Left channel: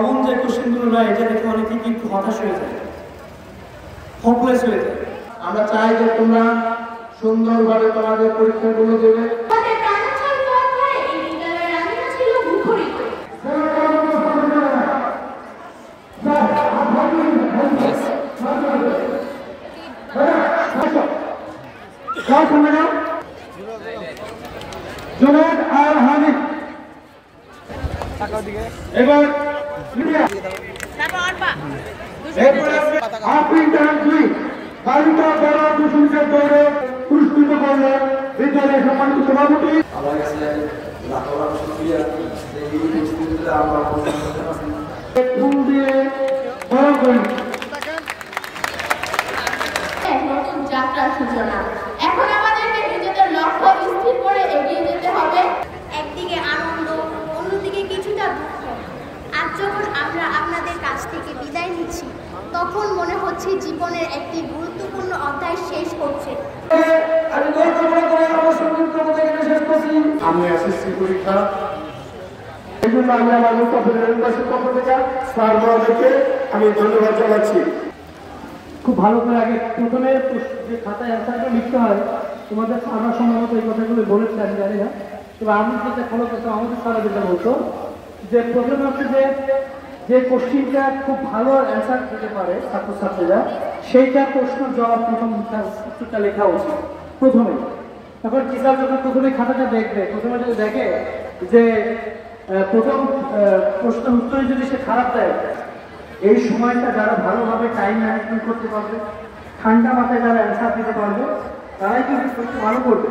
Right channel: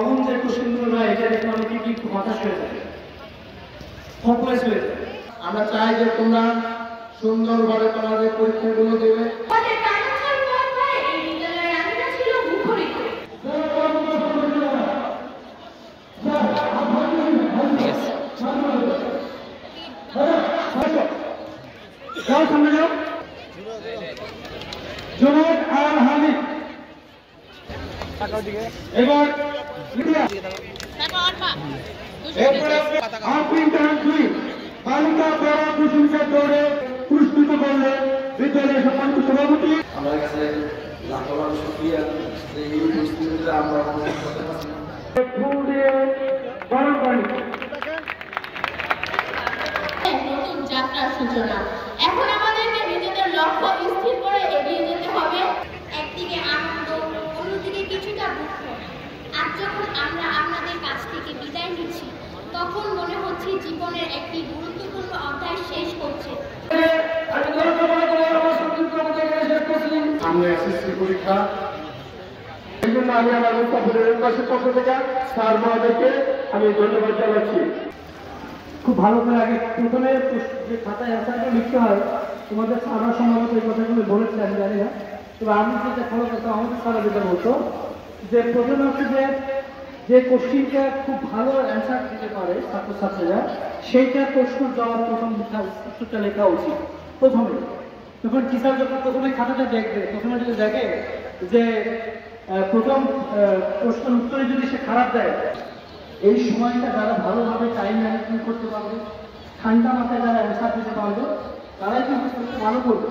Common যে কোশ্চেনগুলো নয়, এটা দেখে অনেকে কিন্তু হতাশ হয়ে যায়, হোপলেস হয়ে যায়। আমরা চাই যে তোমরা সুন্দরভাবে তোমাদের পরীক্ষাগুলো দেবে। এবার বালিকা বড় প্রশংসা দৌড়ে পুরস্কৃত করলে বিদ্যালয়ের সম্মানিত সভাপতি। আমার কাছে লাখো লাখ শুকরিয়া যে এই পরিস্থিতিতে আমরা ফুল দিয়ে বড় করি নতুন যাত্রার সূচনা। এখন আমাদেরকে নিজেদের লক্ষ্য স্থির করে এগিয়ে যেতে হবে। একদিকে আনন্দ, অন্যদিকে কিছুটা দুঃখ। আজ যখন আমরা আপনাদের কাছ থেকে বিদায় নিচ্ছি, তখন মনে হচ্ছে জীবনের একটি গুরুত্বপূর্ণ অধ্যায় শেষ করছে। আমি এসএসসি পরীক্ষা এই জন্য আমি আমার পক্ষ থেকে স্যারকে আমি ধন্যবাদ জানাচ্ছি। খুব ভালো করে আগে প্রথমে যে খাতায় অ্যান্সারটা লিখতে হয়, তোমাদের আমরা সম্ভবত এই কথাগুলো বলেছি, আমি জানি না, তবে আমি যেটা ফলো করতাম আমাদের সারা যেটা বলতো যে প্রবলেম হচ্ছে যে কোশ্চিনটা খুব ভালো অ্যান্সার দিতে পারে ছাত্রছাত্রীরা, সেইটা প্রশ্নের জবাব প্রথম উত্তরটা লেখা উচিত প্রথমে। তখন টিচার যখন প্রথমে খাতাটা দেখবে, প্রথমে যদি দেখে যে প্রথম প্রশ্নের উত্তরে যদি সে খারাপ দেয়, এই সময়টা যারা ভালোভাবে টাইম ম্যানেজমেন্ট করতে পারবে, ঠান্ডা মাথায় যারা অ্যান্সার দিতে পারবে, তারাই কিন্তু ভালো করবে।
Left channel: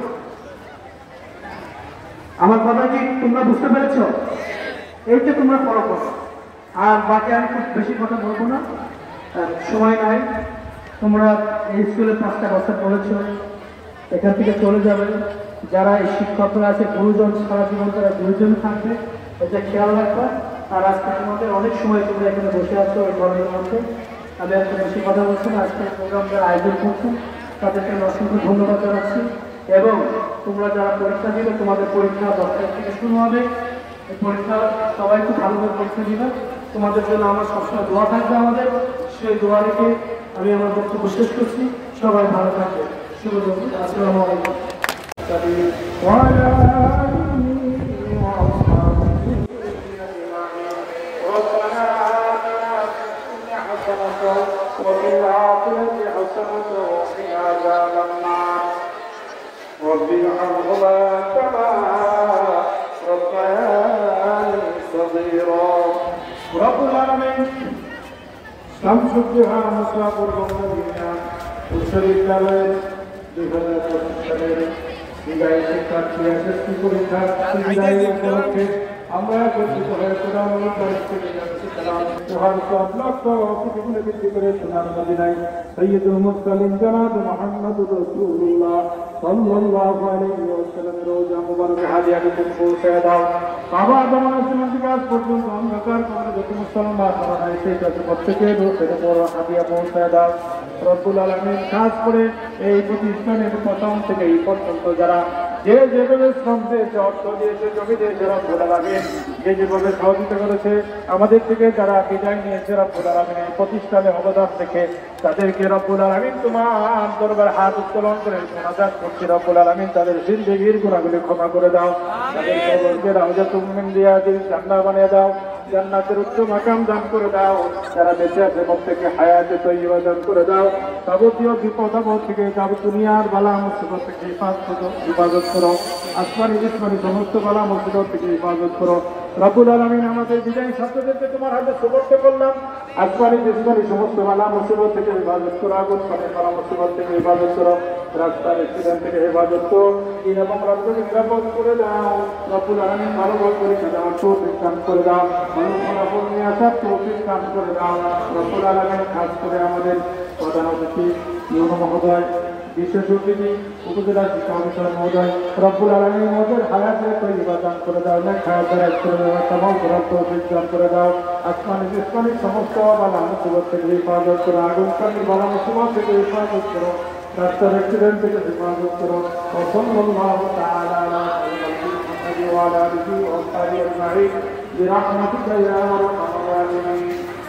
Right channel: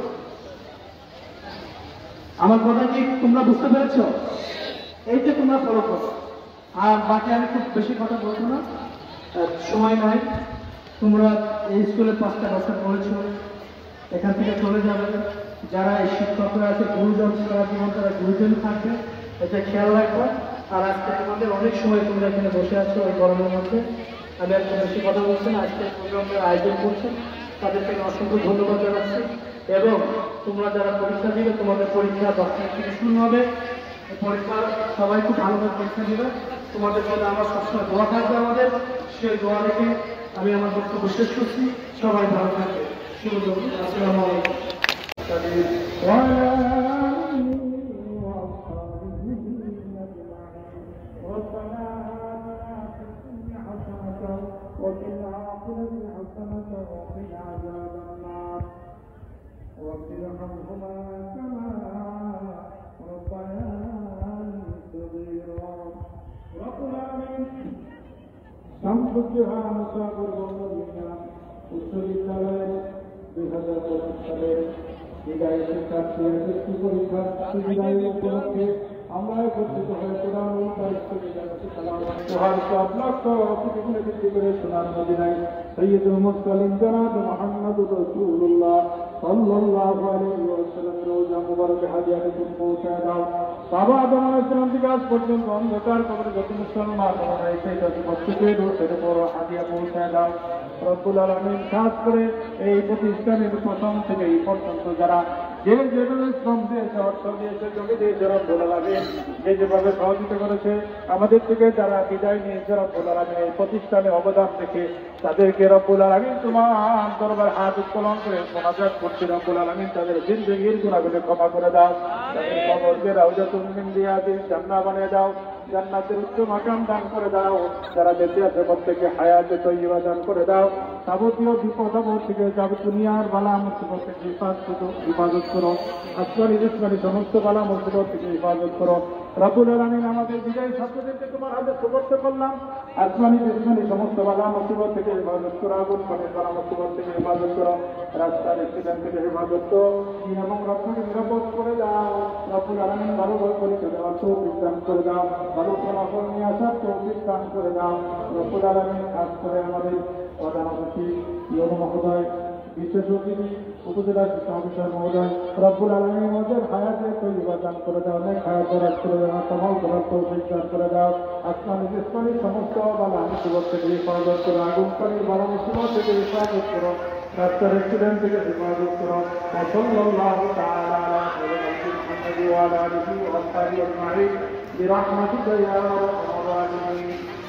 আমার কথা কি তোমরা বুঝতে পেরেছ? এই যে তোমরা ফলো করো। আর বাকি আমি খুব বেশি কথা বলবো না, সময় নয়। তোমরা এই স্কুলে 5টা বছর পড়েছ, এখান থেকে চলে যাবে। যারা এই শিক্ষকরা আছে, গুরুজন সারা জীবন তারা গুরুজন থাকবে, এটা খেয়াল রাখবো। আর আজকে তোমাদের অনেক সময় তোমরা এখানে বসে আছো ওই গরমের মধ্যে। আমি একটা বেশি কথা বলছি না, আজকে প্রোগ্রাম যারা আয়োজন করছেন তাদেরকে আমি অসংখ্য ধন্যবাদ জানাচ্ছি। এবং তোমরা যারা পরীক্ষা দিবে, তোমাদের পরীক্ষা 10 তারিখ থেকে শুরু হবে। এই পরীক্ষা সবাই খুব ভালোভাবে পরীক্ষা দিবে। তোমাদের জন্য আমার সবসময় দোয়া থাকবে। আমাদের সেই দোয়া রেখে আমি আমার বক্তব্য শেষ করছি। সবাই ভালো থাকবে। শুভ দুপুর। আসসালামু আলাইকুম। وفي الآخرة حسنة وقنا عذاب النار رب ارحمهما كما ربياني صغيرا رب العالمين شمس الضحى مصاب المدينة বিশ্ববিদ্যালয়ের 2025 সালের বিদায়ী শিক্ষার্থী এসএসসি পরীক্ষার বিদায়ী উপলক্ষে আমরা একত্রিত হয়ে কোরআনুল কারীম থেকে যাচ্ছি সালাম তোহার সব লক্ষ অসুবিধা বৃদ্ধি করে সোনার মদিনায় সৈয়দুল মুরসালিন জনাব মুহাম্মদুর রাসূলুল্লাহ সাল্লাল্লাহু আলাইহি ওয়াসাল্লাম রওজা মুবারক হাদিয়াকে তুমি পৌঁছায় দাও। বাবা আদম আলাইহিস সালাম থেকে আজ পর্যন্ত অন্ধকার করে যত মুসলমান মারা সেই কাছে প্রত্যেকের রোষের উপর হাদিয়া পৌঁছায় দাও। রব্বুল আলামিন খাস করে এই প্রতিষ্ঠানের প্রথম থেকে এই পর্যন্ত যারা যে যেভাবে শ্রম দিয়েছে, অর্থ দিয়েছে, জমি দিয়েছে, রব্বুল আলামিন যে যেভাবে সহযোগিতা করেছে, আমাদের থেকে যারা বিদায় নিয়েছে, রব্বুল আলামিন এই প্রতিষ্ঠানে অবদান রেখে তাদেরকে রব্বুল আলামিন তোমার দরবার হাত উত্তোলন করে মোনাজাত করছি। রব্বুল আলামিন তাদের জিন্দেগীর গুনাহগুলি ক্ষমা করে দাও, তাদের কবরকে রাউজাতুল মিন রিয়াদিল জান্নাহ বানিয়ে দাও, জান্নাতের উচ্চ মাকাম দান করে দাও। যারা বেঁচে আছে প্রত্যেকে হায়াতে তৈয়বা দান করে দাও। যাবতীয় বিপদ আপদ থেকে, দুনিয়ার বালা মুসিবত থেকে হিফাজত করো। আসমানি জিসমানি সমস্ত বালা মুসিবত থেকে হিফাজত করো। রব্বুল আলামিন আমাদের বিদায়ী ছাত্রদেরকে তোমার হাতে সুপর্দ করলাম। আসমানি জিসমানি সমস্ত বালা মুসিবত থেকে হিফাজত করো। আগুন পানির বালা মুসিবত থেকে হিফাজত করো। রাস্তার অ্যাক্সিডেন্ট থেকে হেফাজত করো। দিন এবং রাত্রকে নিরাপদ করে দাও। রব্বুল আলামিন ভালো পরীক্ষা দেওয়ার তৌফিক দান করে দাও। ভালো ফলাফল নিয়ে আসার তৌফিক দান করে দাও। রব্বুল আলামিন খাস করে আমাদের প্রধান অতিথি ইউনো মহোদয়, বিশেষ অতিথি উপজেলা শিক্ষা অফিসার মহোদয়, রব্বুল আলামিন আমাদের হায়াতে তৈয়বা দান করে দাও। নেক হায়াত দারাজ করে দাও, তামাম করার তৌফিক দান করে দাও। আসমানি জিসমানি সমস্ত বালা মুসিবত থেকে হিফাজত করো। আগুন পানির বালা মুসিবত থেকে হিফাজত করো। রাস্তার অ্যাক্সিডেন্ট থেকে হিফাজত করো। সাল্লাল্লাহু তাআলা আলা মুহাম্মাদ ওয়া আলা আলিহি ওয়া সাহবিহি আজমাইন برحمتك يا ارحم الراحمين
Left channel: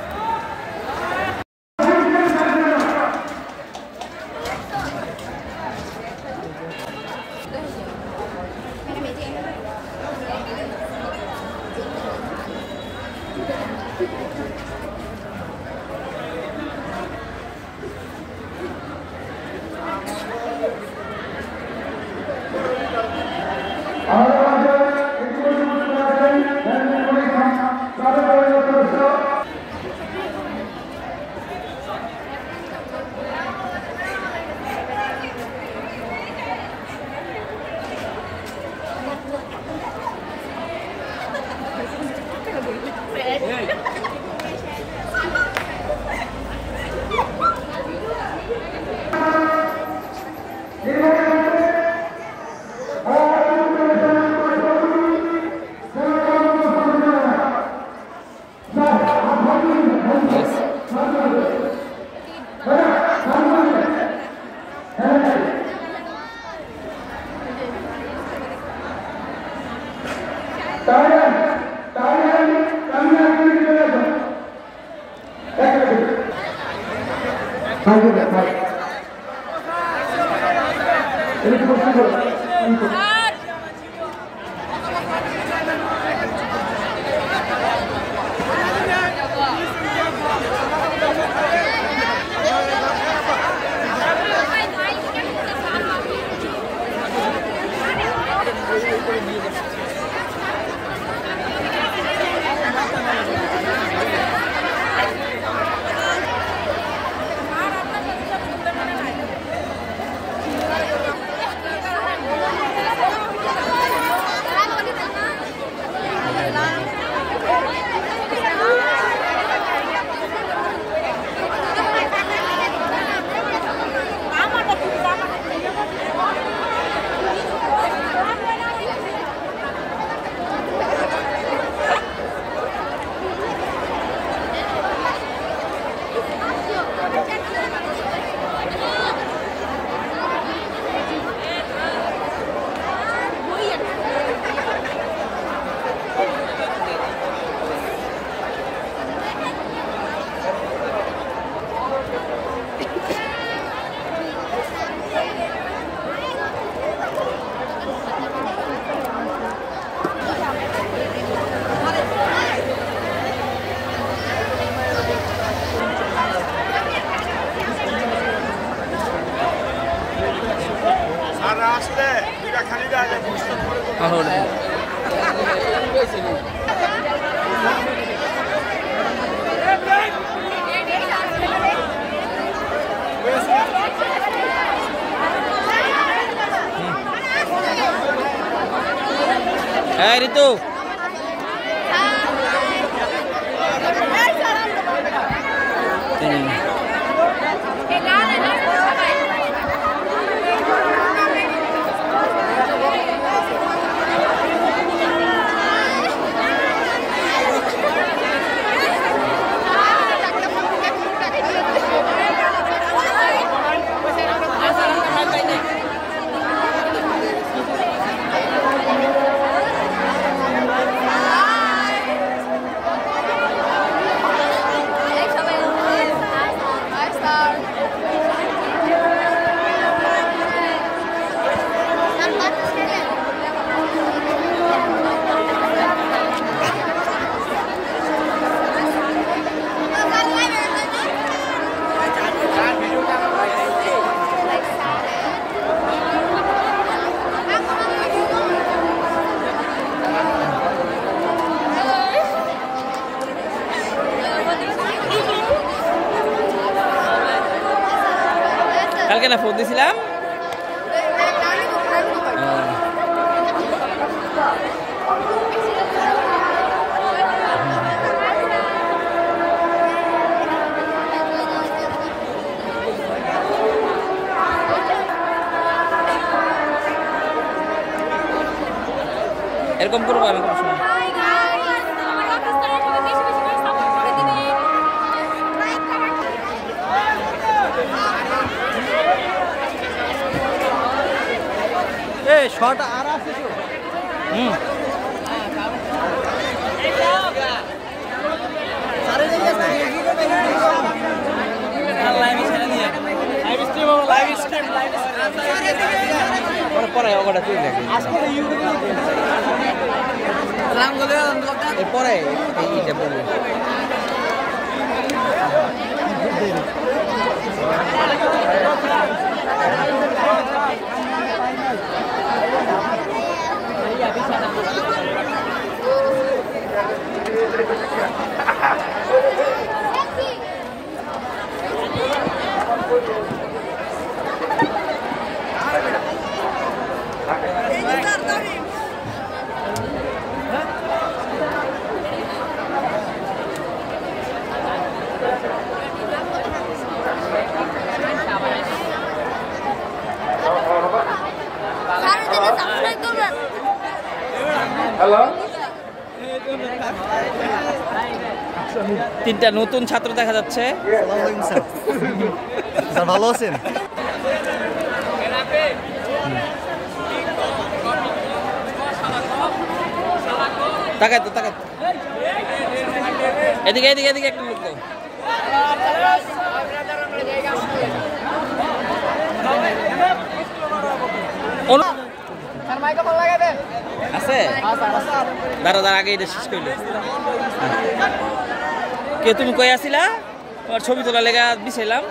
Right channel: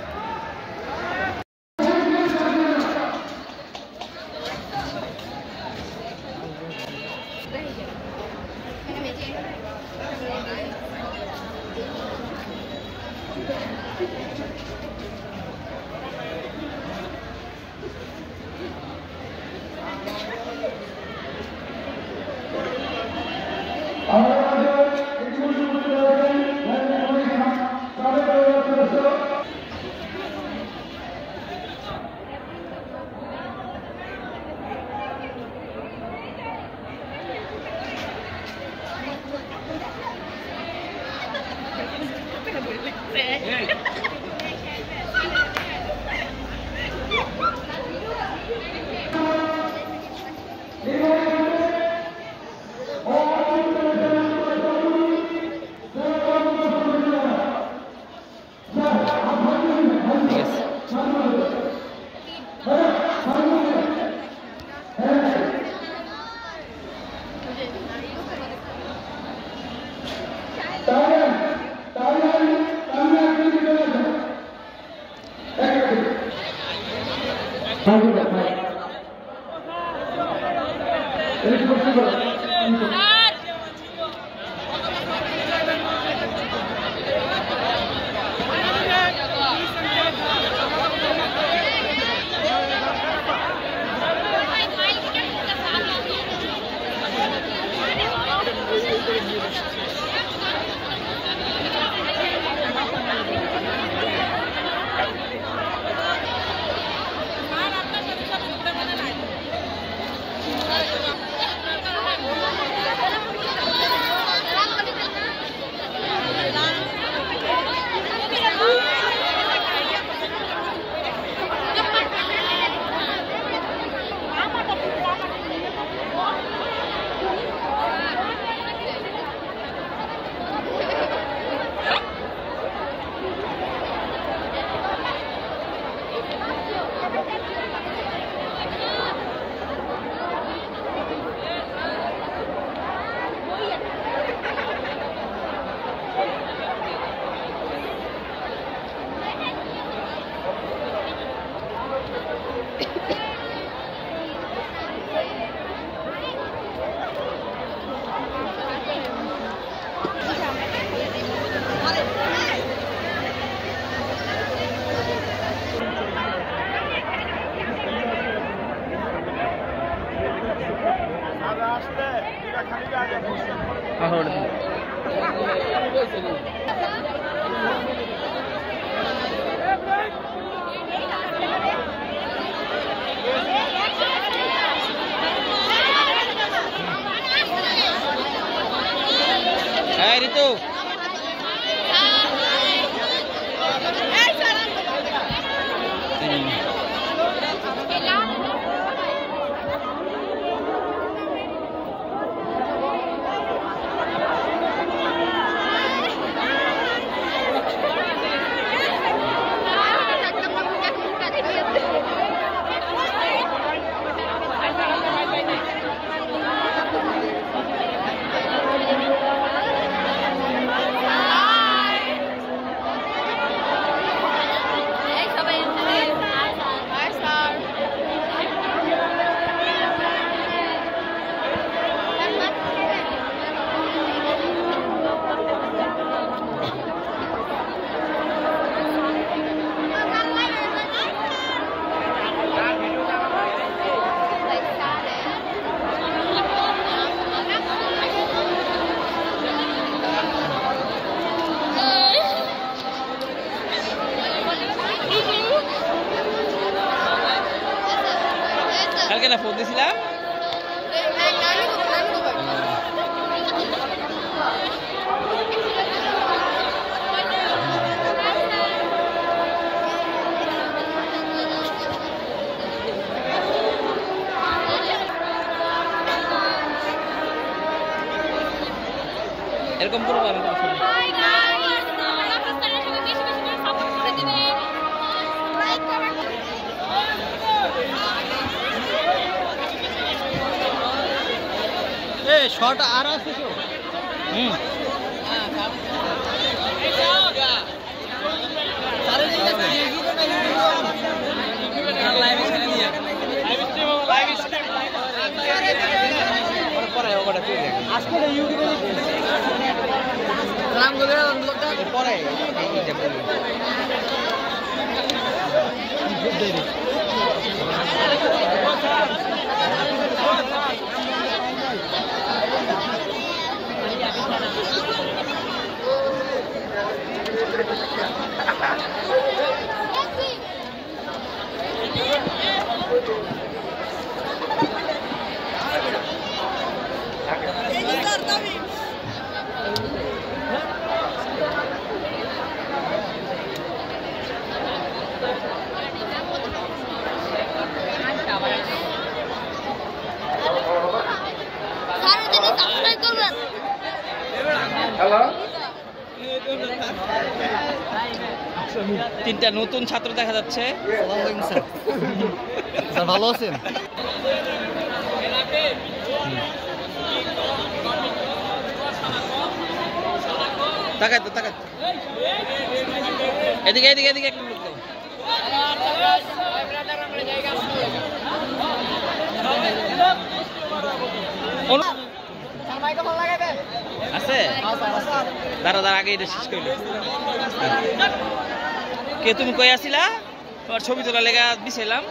Ritu. কালকে না ফোন দিছিলাম এরকম করবো না শর্ট আর আছে পরে হ্যালো, তিনটা নতুন ছাত্র দেখা যাচ্ছে। স্যার ভালো আছেন? তাকাই তো তাকাই, এদিকে এদিকে এদিকে একটু লোক দাও। আছে দাঁড়া দাঁড়া, আগে এটা শেষ করলে। কে তুমি কই আসিলা? তোমার ছবি তোলা লেগা দিছিলাম।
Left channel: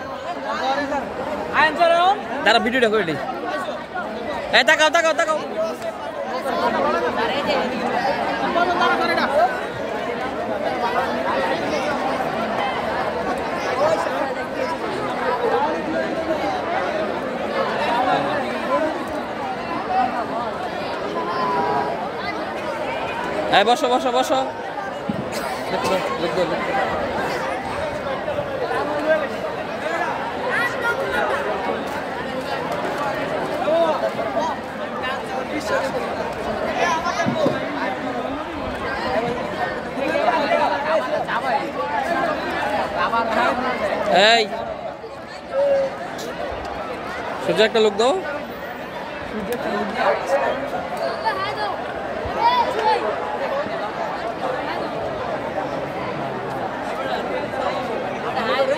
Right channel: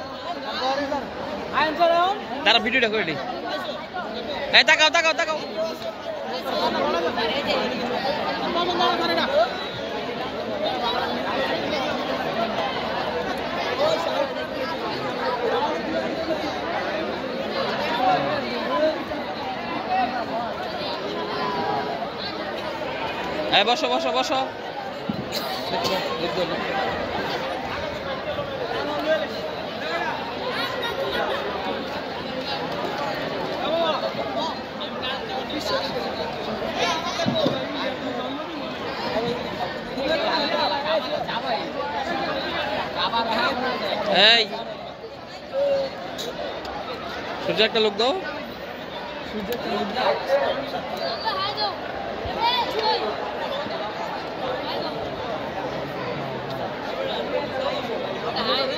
দাঁড়া ভিডিওটা করে দিই। এই তাকাও তাকাও তাকাও। এই বসো বসো বসো। এই সূর্য একটা লোক দাও।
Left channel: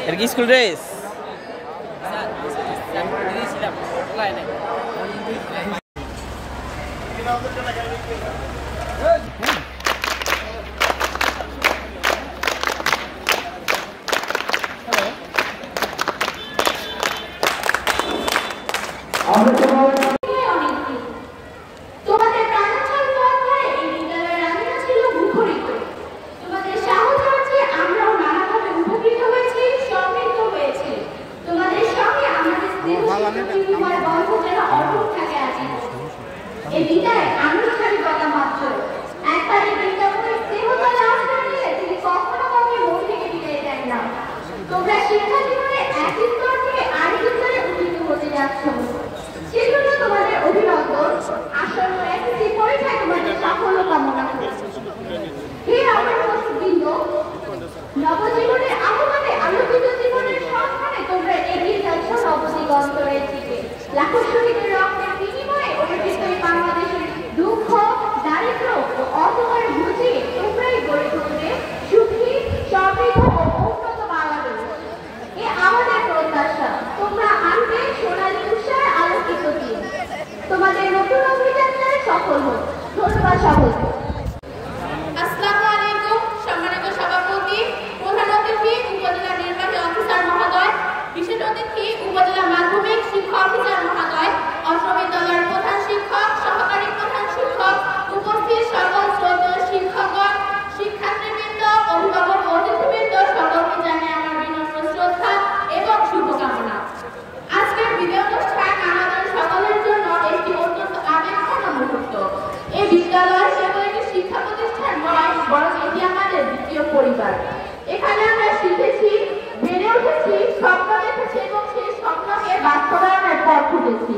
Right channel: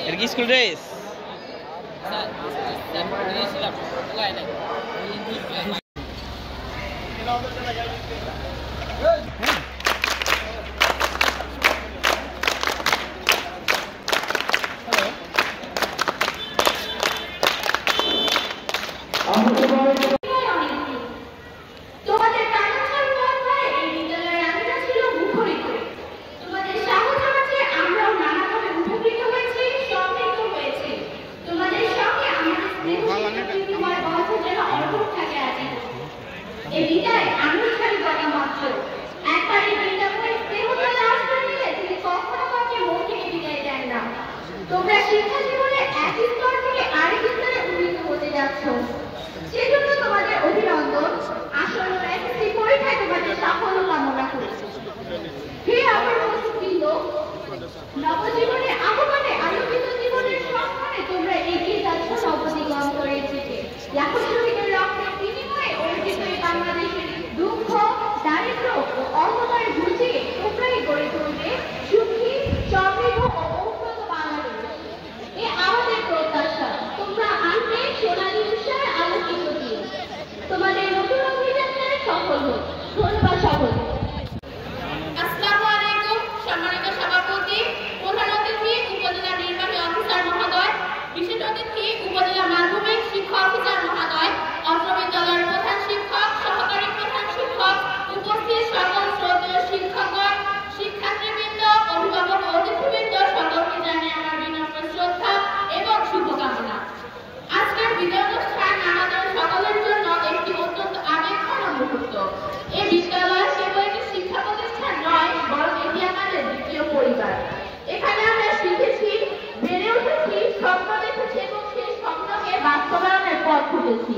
এর কি স্কুল ড্রেস? তোমাদের প্রাণোচ্ছল পথে এই বিদ্যালয়ের আঙিনা ছিল মুখরিত। তোমাদের সাহস আছে, আমরাও নানাভাবে উপকৃত হয়েছি, সমৃদ্ধ হয়েছি। তোমাদের সঙ্গে আমাদের স্নেহ বন্ধন যেন অটুট থাকে আছি। এই বিদায় আনুষ্ঠানিকতা মাত্র। একবার এই বিদ্যালয়ের স্নেহতা লাভ করে নিলে তিনি কখনো কাউকে মন থেকে বিদায় দেন না। তোমরা শিক্ষা জীবনে একই স্তর থেকে আরেক স্তরে উন্নীত হতে যাচ্ছ, সেজন্য তোমাদের অভিনন্দন। আসন্ন এসএসসি পরীক্ষায় তোমাদের সাফল্য কামনা করছি। হে আমার বন্ধুবৃন্দ, নবজীবনে আগমনে আলোকিত জীবনের সন্ধানে তোমরা এগিয়ে যাচ্ছ নবদিগন্তরের দিকে। লাখো শহীদের রক্তের বিনিময়ে অর্জিত এই বাংলাদেশের দুঃখ, দারিদ্র ও অধমের বুঝিয়ে তোমরাই গড়ে তুলবে সুখী, সমৃদ্ধ ও উন্নত বাংলাদেশ। এ আমাদের প্রত্যাশা। তোমরা আনবে সোনালী উৎসাহের আলোকিত দিন। তোমাদের নতুন অভিযাত্রায় সফল হোক। ধন্যবাদ সবাই। আসসালামু আলাইকুম। সম্মানিত সভাপতি, প্রধান অতিথি উপজেলা নির্বাহী অফিসার মহোদয়, বিশেষ অতিথি উপজেলা মাধ্যমিক শিক্ষা অফিসার মহোদয়, অত্র বিদ্যালয়ের প্রধান শিক্ষক, সহকারী প্রধান শিক্ষক, উপস্থিত সকল শ্রদ্ধেয় শিক্ষকগণ, শিক্ষার্থীবৃন্দ, অভিভাবক ও অতিথিবৃন্দ, সকলকে জানাই আমার বিনম্র শ্রদ্ধা এবং শুভকামনা। আজকের বিদায় অনুষ্ঠান আমাদের সকলের জন্য একটি অত্যন্ত আবেগঘন মুহূর্ত। এই বিদ্যালয় কেবল একটি শিক্ষা প্রতিষ্ঠান নয়, বরং এটি আমাদের দ্বিতীয় পরিবার। এখানে আমরা শিখেছি, বেড়ে উঠেছি, স্বপ্ন দেখেছি এবং সেই স্বপ্নকে বাস্তবায়নের পথ খুঁজেছি।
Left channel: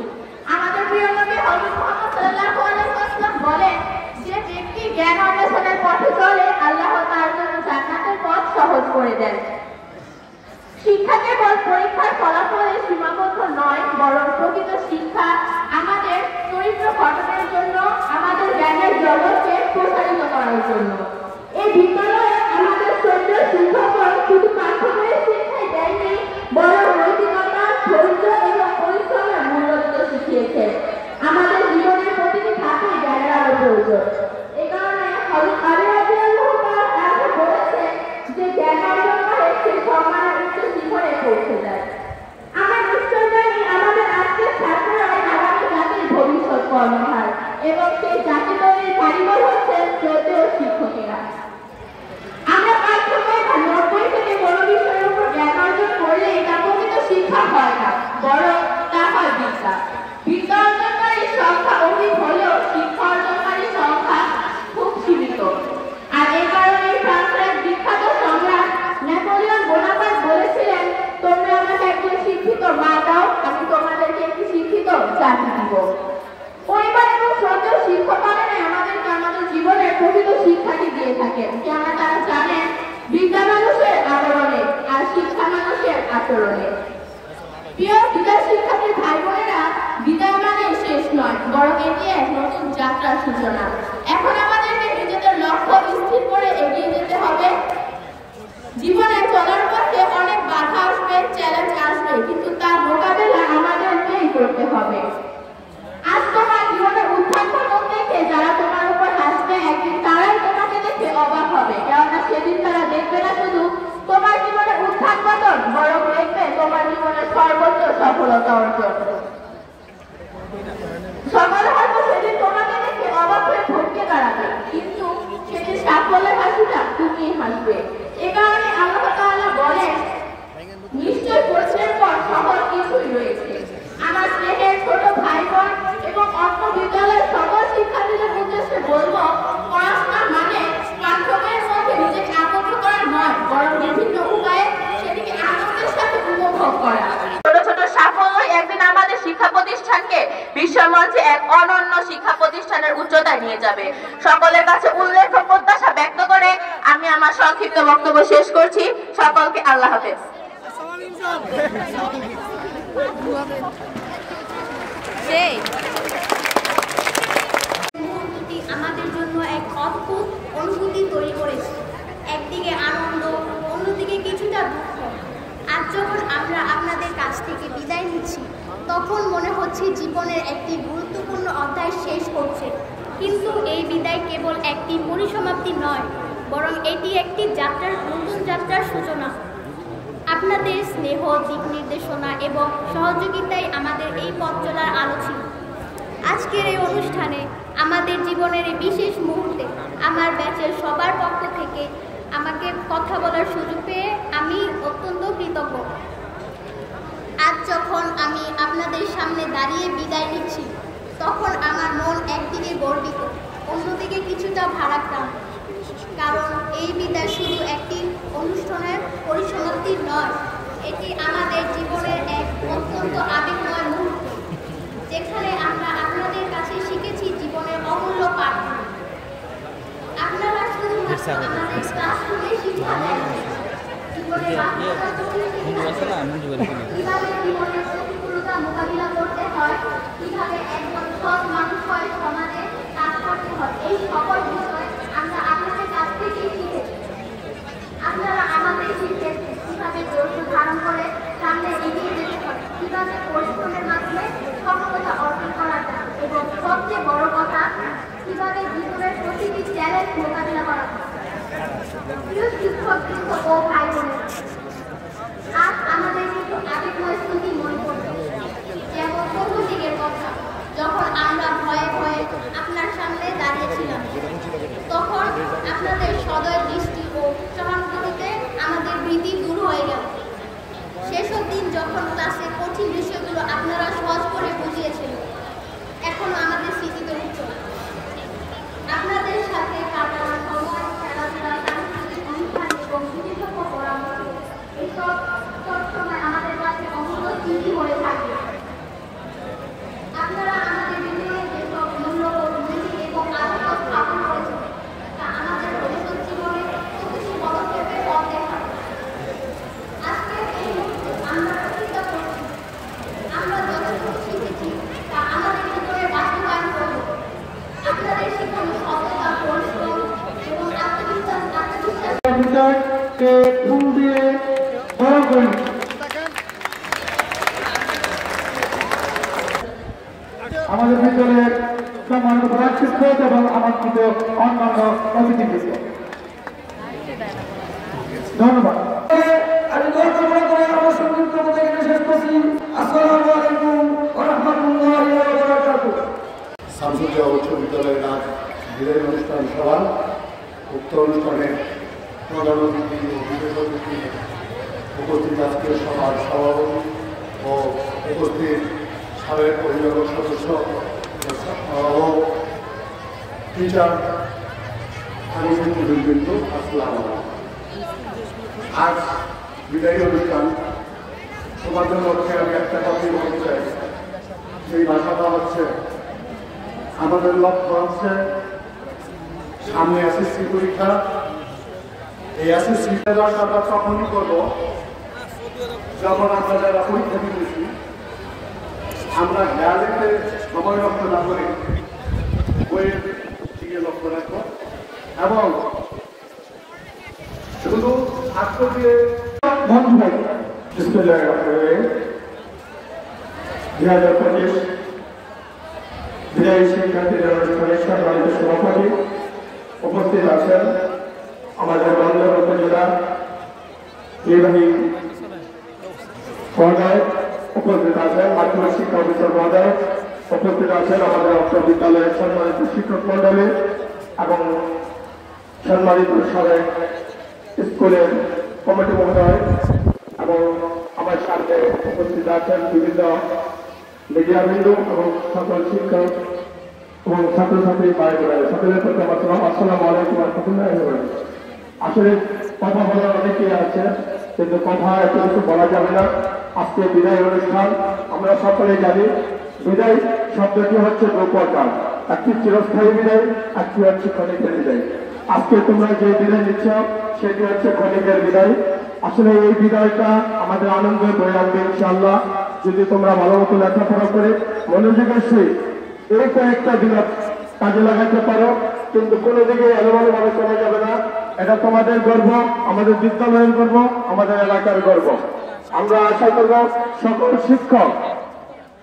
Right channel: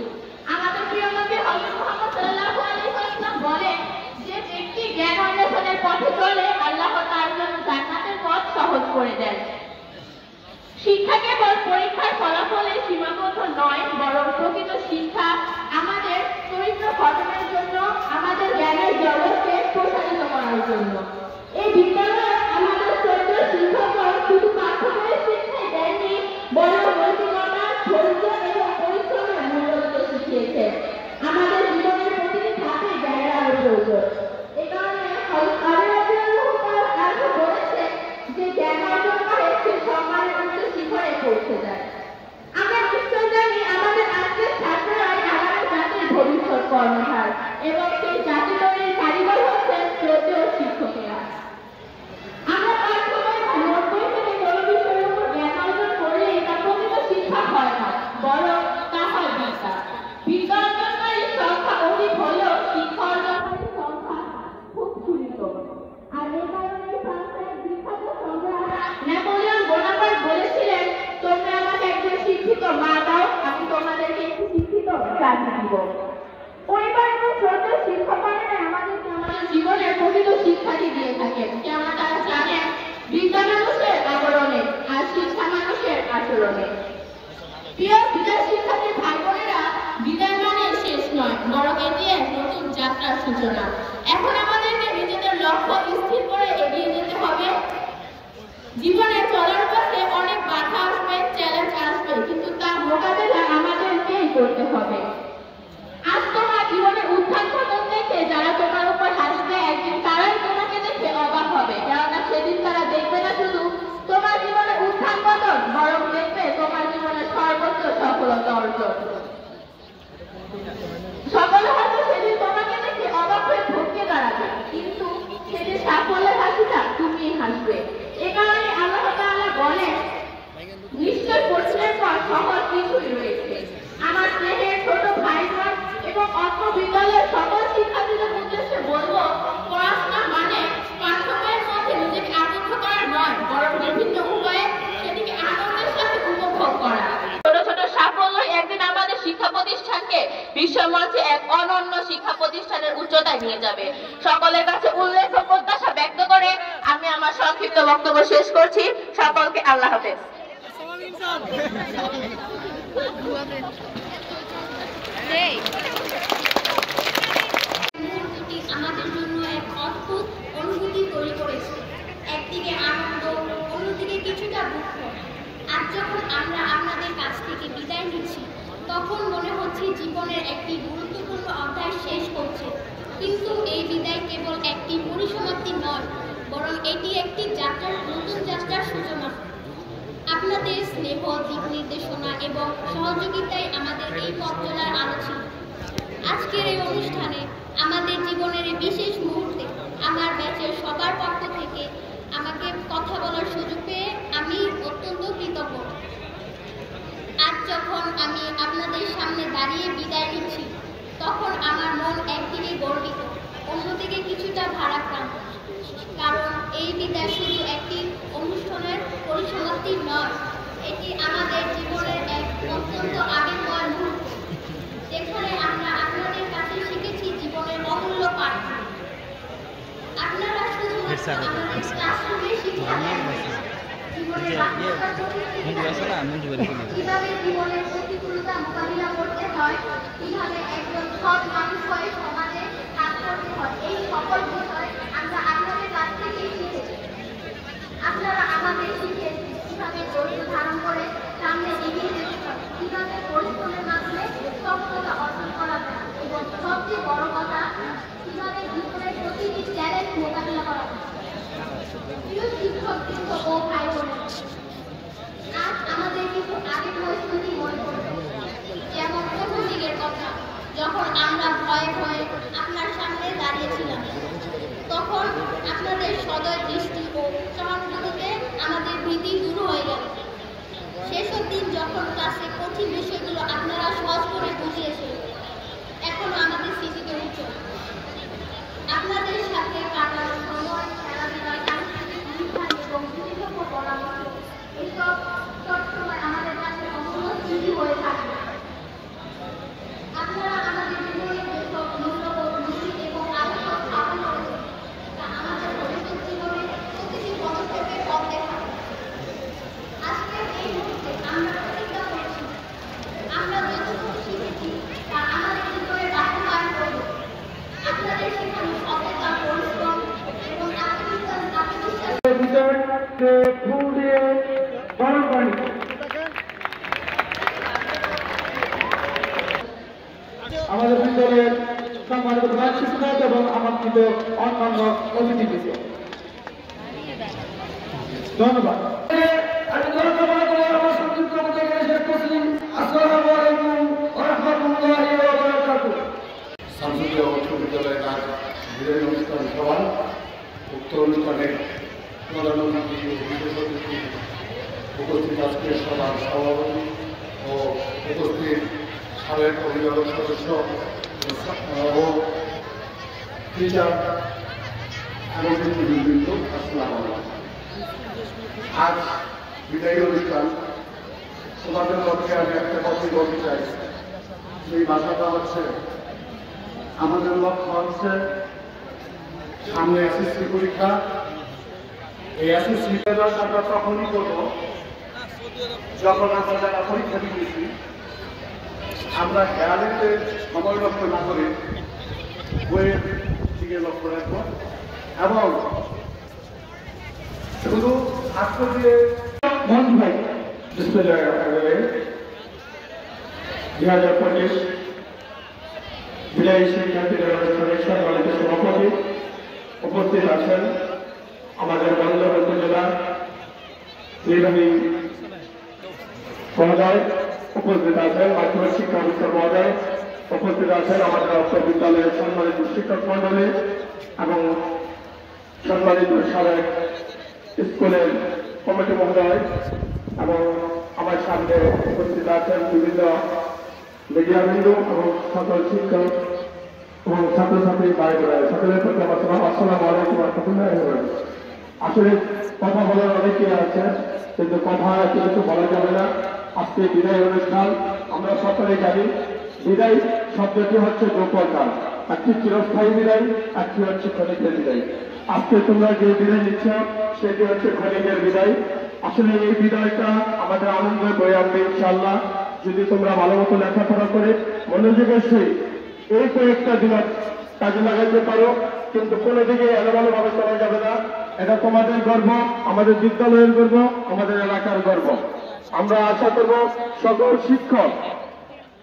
আমাদের প্রিয় নবী হযরত মুহাম্মদ সাল্লাল্লাহু আলাইহি ওয়াসাল্লাম বলেন, যে ব্যক্তি জ্ঞান অন্বেষণের পথে চলে, আল্লাহ তার জন্য জান্নাতের পথ সহজ করে দেন। শিক্ষা কেবল পরীক্ষার ফলাফলে সীমাবদ্ধ নয়, বরং প্রকৃত শিক্ষা আমাদের চরিত্র গঠনের জন্য, আমাদের জ্ঞানের জগৎকে প্রসারিত করার জন্য। এই বিদ্যালয়ে আমাদের শ্রদ্ধেয় শিক্ষকগণ শুধু পাঠ্যবইয়ের শিক্ষায় দেয়নি, বরং নৈতিকতা, ধৈর্য এবং পরিশ্রমের মূল্য দিতে শিখিয়েছেন। আমাদের জীবনের প্রতিটি ধাপে জ্ঞানের আরো প্রয়োজন। এই কারণে বলেছেন যে জ্ঞান অর্জন করে সে সম্মানের উচ্চ শিখরে পৌঁছে যায়। আমরা নিশ্চয় জানি আমাদের আজকের ছাত্ররাই আগামী জাতির ভবিষ্যৎ কর্ণধার এবং সেই জাতি তৈরির কারিগর হচ্ছেন শ্রদ্ধেয় শিক্ষকেরা। আমরা পাঠ্যবই বা নোট বই থেকে কোনো বিষয়ের উপর জ্ঞান অর্জন করলে তা প্রকৃত শিক্ষা হয় না, বরং তা হয় বিদ্যা। বিদ্যা অর্জনকারীর সংখ্যা অধিক হলেও শিক্ষা অর্জনকারীর সংখ্যা খুব সীমিত। আর এই কারণে ফ্রান্সের বিখ্যাত সম্রাট নেপোলিয়ন বোনাপার্ট বলেছিলেন, তোমরা আমাকে একজন শিক্ষিত মা দাও, আমি তোমাদেরকে একটি শিক্ষিত জাতি দিব। পরিবার এবং শ্রদ্ধেয় শিক্ষকগণেরা আমাদেরকে আমাদের জীবনের প্রকৃত শিক্ষাটি দিয়ে থাকেন, কেননা তারা জানেন বিদ্যা মানুষের আবরণে আর শিক্ষা মানুষের আচরণে। প্রিয় বিদ্যা শিক্ষার্থী ভাই বোনেরা, বিদায় মানে শেষ নয়, বরং এটি এক নতুন যাত্রার সূচনা। এখন আমাদেরকে নিজেদের লক্ষ্য স্থির করে এগিয়ে যেতে হবে। জীবনে চলার পথে অনেক বাধা আসবে, চ্যালেঞ্জ আসবে, কিন্তু তার মোকাবেলা আমাদেরকেই করতে হবে। আজ তোমার জীবনে উত্থান পতন দেখে যারা তোমার উপর হাসবে, একদিন তারাই তোমাকে দেখে অবাক হবে, কেননা সেদিন তারা দেখবে না শুধু তোমার জীবনে উত্থান পতন, বরং দেখবে তোমার জীবনে সর্বোচ্চ সফলতা অর্জন। সকলে হয়তো সেদিন তোমাকে দেখে অবাক হয়ে ভটকে দাঁড়াবে, কিন্তু সেদিন সাফল্যের হাসিটা তুমি হাসবে। এ কারণে আল্লাহ তাআলা বলেন, নিশ্চয় প্রশ্নের পর সহজ কিছুই রয়েছে। আমার স্নেহের ছোট ভাই বোন এবং অন্য বিদ্যালয়ের সকল শিক্ষার্থীদের উদ্দেশ্যে বলবো, পড়াশোনা মানে পাঠ্যবইয়ের মধ্যে নিজেকে আবদ্ধ করা নয়, বরং বিভিন্ন উপায়ে সেটিকে আনন্দের সাথে উপভোগ করা। ছোট ছোট সাফল্য একদিন আমাদের শিক্ষা প্রতিষ্ঠানকে বিশ্বমঞ্চে এক অনন্য শিক্ষা প্রতিষ্ঠানের উচ্চতায় নিয়ে যাবে। সকলের কাছে উল্লেখ ও প্রত্যাশা ব্যক্ত করে আমি আমার সংক্ষিপ্ত বক্তব্য শেষ করছি। সকলকে আল্লাহ হাফেজ। মুহূর্তটি আমাদের জন্য এক অদ্ভুত অনুভূতি তৈরি করেছে। একদিকে আনন্দ, অন্যদিকে কিছুটা দুঃখ। আজ যখন আমরা আপনাদের কাছ থেকে বিদায় নিচ্ছি, তখন মনে হচ্ছে জীবনের একটি গুরুত্বপূর্ণ অধ্যায় শেষ হচ্ছে। কিন্তু এই বিদায় কেবল একটি পরিসমাপ্তি নয়, বরং এটি একটি নতুন যাত্রার সূচনা। আপনাদের স্নেহ, দিক নির্দেশনা এবং সহযোগিতায় আমাদের এই পথ চলার আলো ছিল। আজকের এই অনুষ্ঠানে আমাদের জীবনের এই বিশেষ মুহূর্তে আমার ব্যাচের সবার পক্ষ থেকে আমাকে কথা বলার সুযোগ পেয়ে আমি অত্যন্ত কৃতজ্ঞ। আজ যখন আমি আপনাদের সামনে দাঁড়িয়ে বিদায় নিচ্ছি, তখন আমার মন একদিকে গর্বিত, অন্যদিকে কিছুটা ভারাক্রান্ত। কারণ এই বিদায় শুধু একটি অনুষ্ঠানের পরিসমাপ্তি নয়, এটি আমাদের জীবনের এক অত্যন্ত আবেগময় মুহূর্ত, যেখানে আমরা আপনাদের কাছে শিখেছি জীবনের অমূল্য পাঠ। আপনারা শুধুমাত্র আমাদের ক্লাসরুমে শিক্ষা দেননি, জীবনের বাস্তবতা কিভাবে জীবনের প্রতিকূলতা মোকাবিলা করতে হয়, কিভাবে একজন সৎ মানুষ হয়ে সমাজে কাজ করতে হয়, এই সকল বিষয় আমরা আপনাদের কাছ থেকেই শিখেছি। আপনারা আমাদের শিখেছি কিভাবে ধৈর্য ধারণ করে সামনে এগিয়ে যেতে হয়, কিভাবে পরিশ্রমের মাধ্যমে সফলতা অর্জন করা যায়, এবং সবচেয়ে বড় কথা, কিভাবে জীবনের প্রতিটি চ্যালেঞ্জ মোকাবিলা করা যায়। প্রিয় শিক্ষক ও ভাই বোনেরা, আজ আমাদের কিছু আবেগময় স্মৃতি মনে পড়বে। যেমন প্রথম দিকের কথা, যখন আমরা ভয়ে ভয়ে আপনার সামনে দাঁড়িয়েছিলাম, তখন আপনাদের সদয় দৃষ্টি ও সহানুভূতিতে আমাদের ভীতি দূর হয়ে গেল। সেসব দিন যখন ক্লাসে কঠিন বিষয়গুলো আপনারা সহজ করে বুঝিয়েছিলেন, এখনো আমাদের স্মৃতিতে উজ্জ্বল। আপনাদের সাথে কাটানো সময়, খেলাধুলা, সাংস্কৃতিক অনুষ্ঠান এবং বিশেষজ্ঞ পরামর্শ, এসব সবসময় আমাদের কাছে অমূল্য স্মৃতি হয়ে থাকে। আপনারা আমাদের জীবনে যেসব মূল্যবোধ, নীতি এবং আদর্শ স্থাপন করেছেন, তা আমাদের ভবিষ্যৎ জীবনের প্রতিটি পদক্ষেপে পথ দেখাবে। আজকের এই মুহূর্তে আমরা প্রতিজ্ঞা করছি, আমরা যতটুকু শিখেছি তা আমাদের জীবনে বাস্তবায়ন করব। আপনাদের সেখানে অবস্থা, পরিশ্রম এবং আত্মবিশ্বাস বিদায়কে ফুল দিয়ে আমাদের বিদ্যালয়ের সম্মানিত প্রধান শিক্ষক এবং আমন্ত্রিত অন্যান্য অতিথিবৃন্দ, ধন্যবাদ। আমি গর্ব মনে করে আমার সংক্ষিপ্ত কথা এখানে শেষ করছি। আসসালামু আলাইকুম ওয়া রাহমাতুল্লাহি ওয়া বারাকাতুহু। শামসুদ্দিয়া উচ্চ বিদ্যালয়ের নাম বিদায় অনুষ্ঠান সভা। উক্ত অনুষ্ঠানে প্রধান অতিথি ও বিশেষ অতিথি উপস্থিত আজকের সভার সভাপতি ও উপস্থিত সাবেক অভিভাবক সদস্য ও টিচার এবং শিক্ষকবৃন্দ, আসসালামু আলাইকুম। আজ বিদায়ী অনুষ্ঠান, তোমাদের মধ্যে আমি একটা কথাই বলতে চাই। সেই ভাষাটা হচ্ছে, আমাদের লক্ষ্য হচ্ছে সামনে এসএসসি পরীক্ষা। এই এসএসসি রেজাল্ট আমরা তখনই করবো যখন আমরা যারা পরীক্ষা দিয়েছি আমরা গ্যারেন্টে সময় লক্ষ্য না করি বইয়ের দিকে লক্ষ্য রাখবো এবং শুধু ছাত্র দিয়ে বন্ধু ভাই, 2025 বিদায়ী শিক্ষার্থীদের অনুষ্ঠানের সম্মানিত সভাপতি উপস্থিত আছেন আমাদের বন্দর উপজেলা নির্বাহী মহোদয়, উপস্থিত আছেন মাধ্যমিক শিক্ষা অফিসার মহোদয়, উপস্থিত আছেন আমাদের অত্র বিদ্যালয়ের সম্মানিত শিক্ষক মন্ডলী এবং সম্মানিত সাবেক স্কুলের কমিটি মহোদয় এবং আমার সাথে উপস্থিত আছেন বিভিন্ন মিডিয়াবৃন্দ এবং সকল শিক্ষক এবং ছাত্রছাত্রী ভাই বোনেরা, সকলের প্রতি আমার সালাম। আসসালামু আলাইকুম ওয়া রাহমাতুল্লাহি ওয়া বারাকাতুহু। আসলে কথা বলার অনেকে আছে, কিন্তু কথা এত কিছু বলা যাবে না। আজকে বিদায় অনুষ্ঠান, আমরা সকলে জানি বিদায় শব্দটি হচ্ছে দুপ্রকার, একটি চিরস্থায়ী বিদায়, একটি হচ্ছে ক্ষণিকের বিদায়। আজকে তোমরা যে বিদায় নিচ্ছ সেটি হচ্ছে ক্ষণিকের বিদায়। আসলে এই বিদায়টা আমাদের আনন্দ হয়ে আসবে ইনশাআল্লাহ, যদি তোমরা ভালো মতো লেখাপড়া করে মনোযোগের সহিত এই কয়েকটা দিন কাজে লাগাতে পারো, কিন্তু কোনো দিকে এলোমেলো ভাবে চলা যাবে না। এটা তোমাদের গর্ব, আমাদের বিদ্যালয়ের গর্ব, আমাদের এলাকার গর্ব। আমরা আশা করব সকল শিক্ষক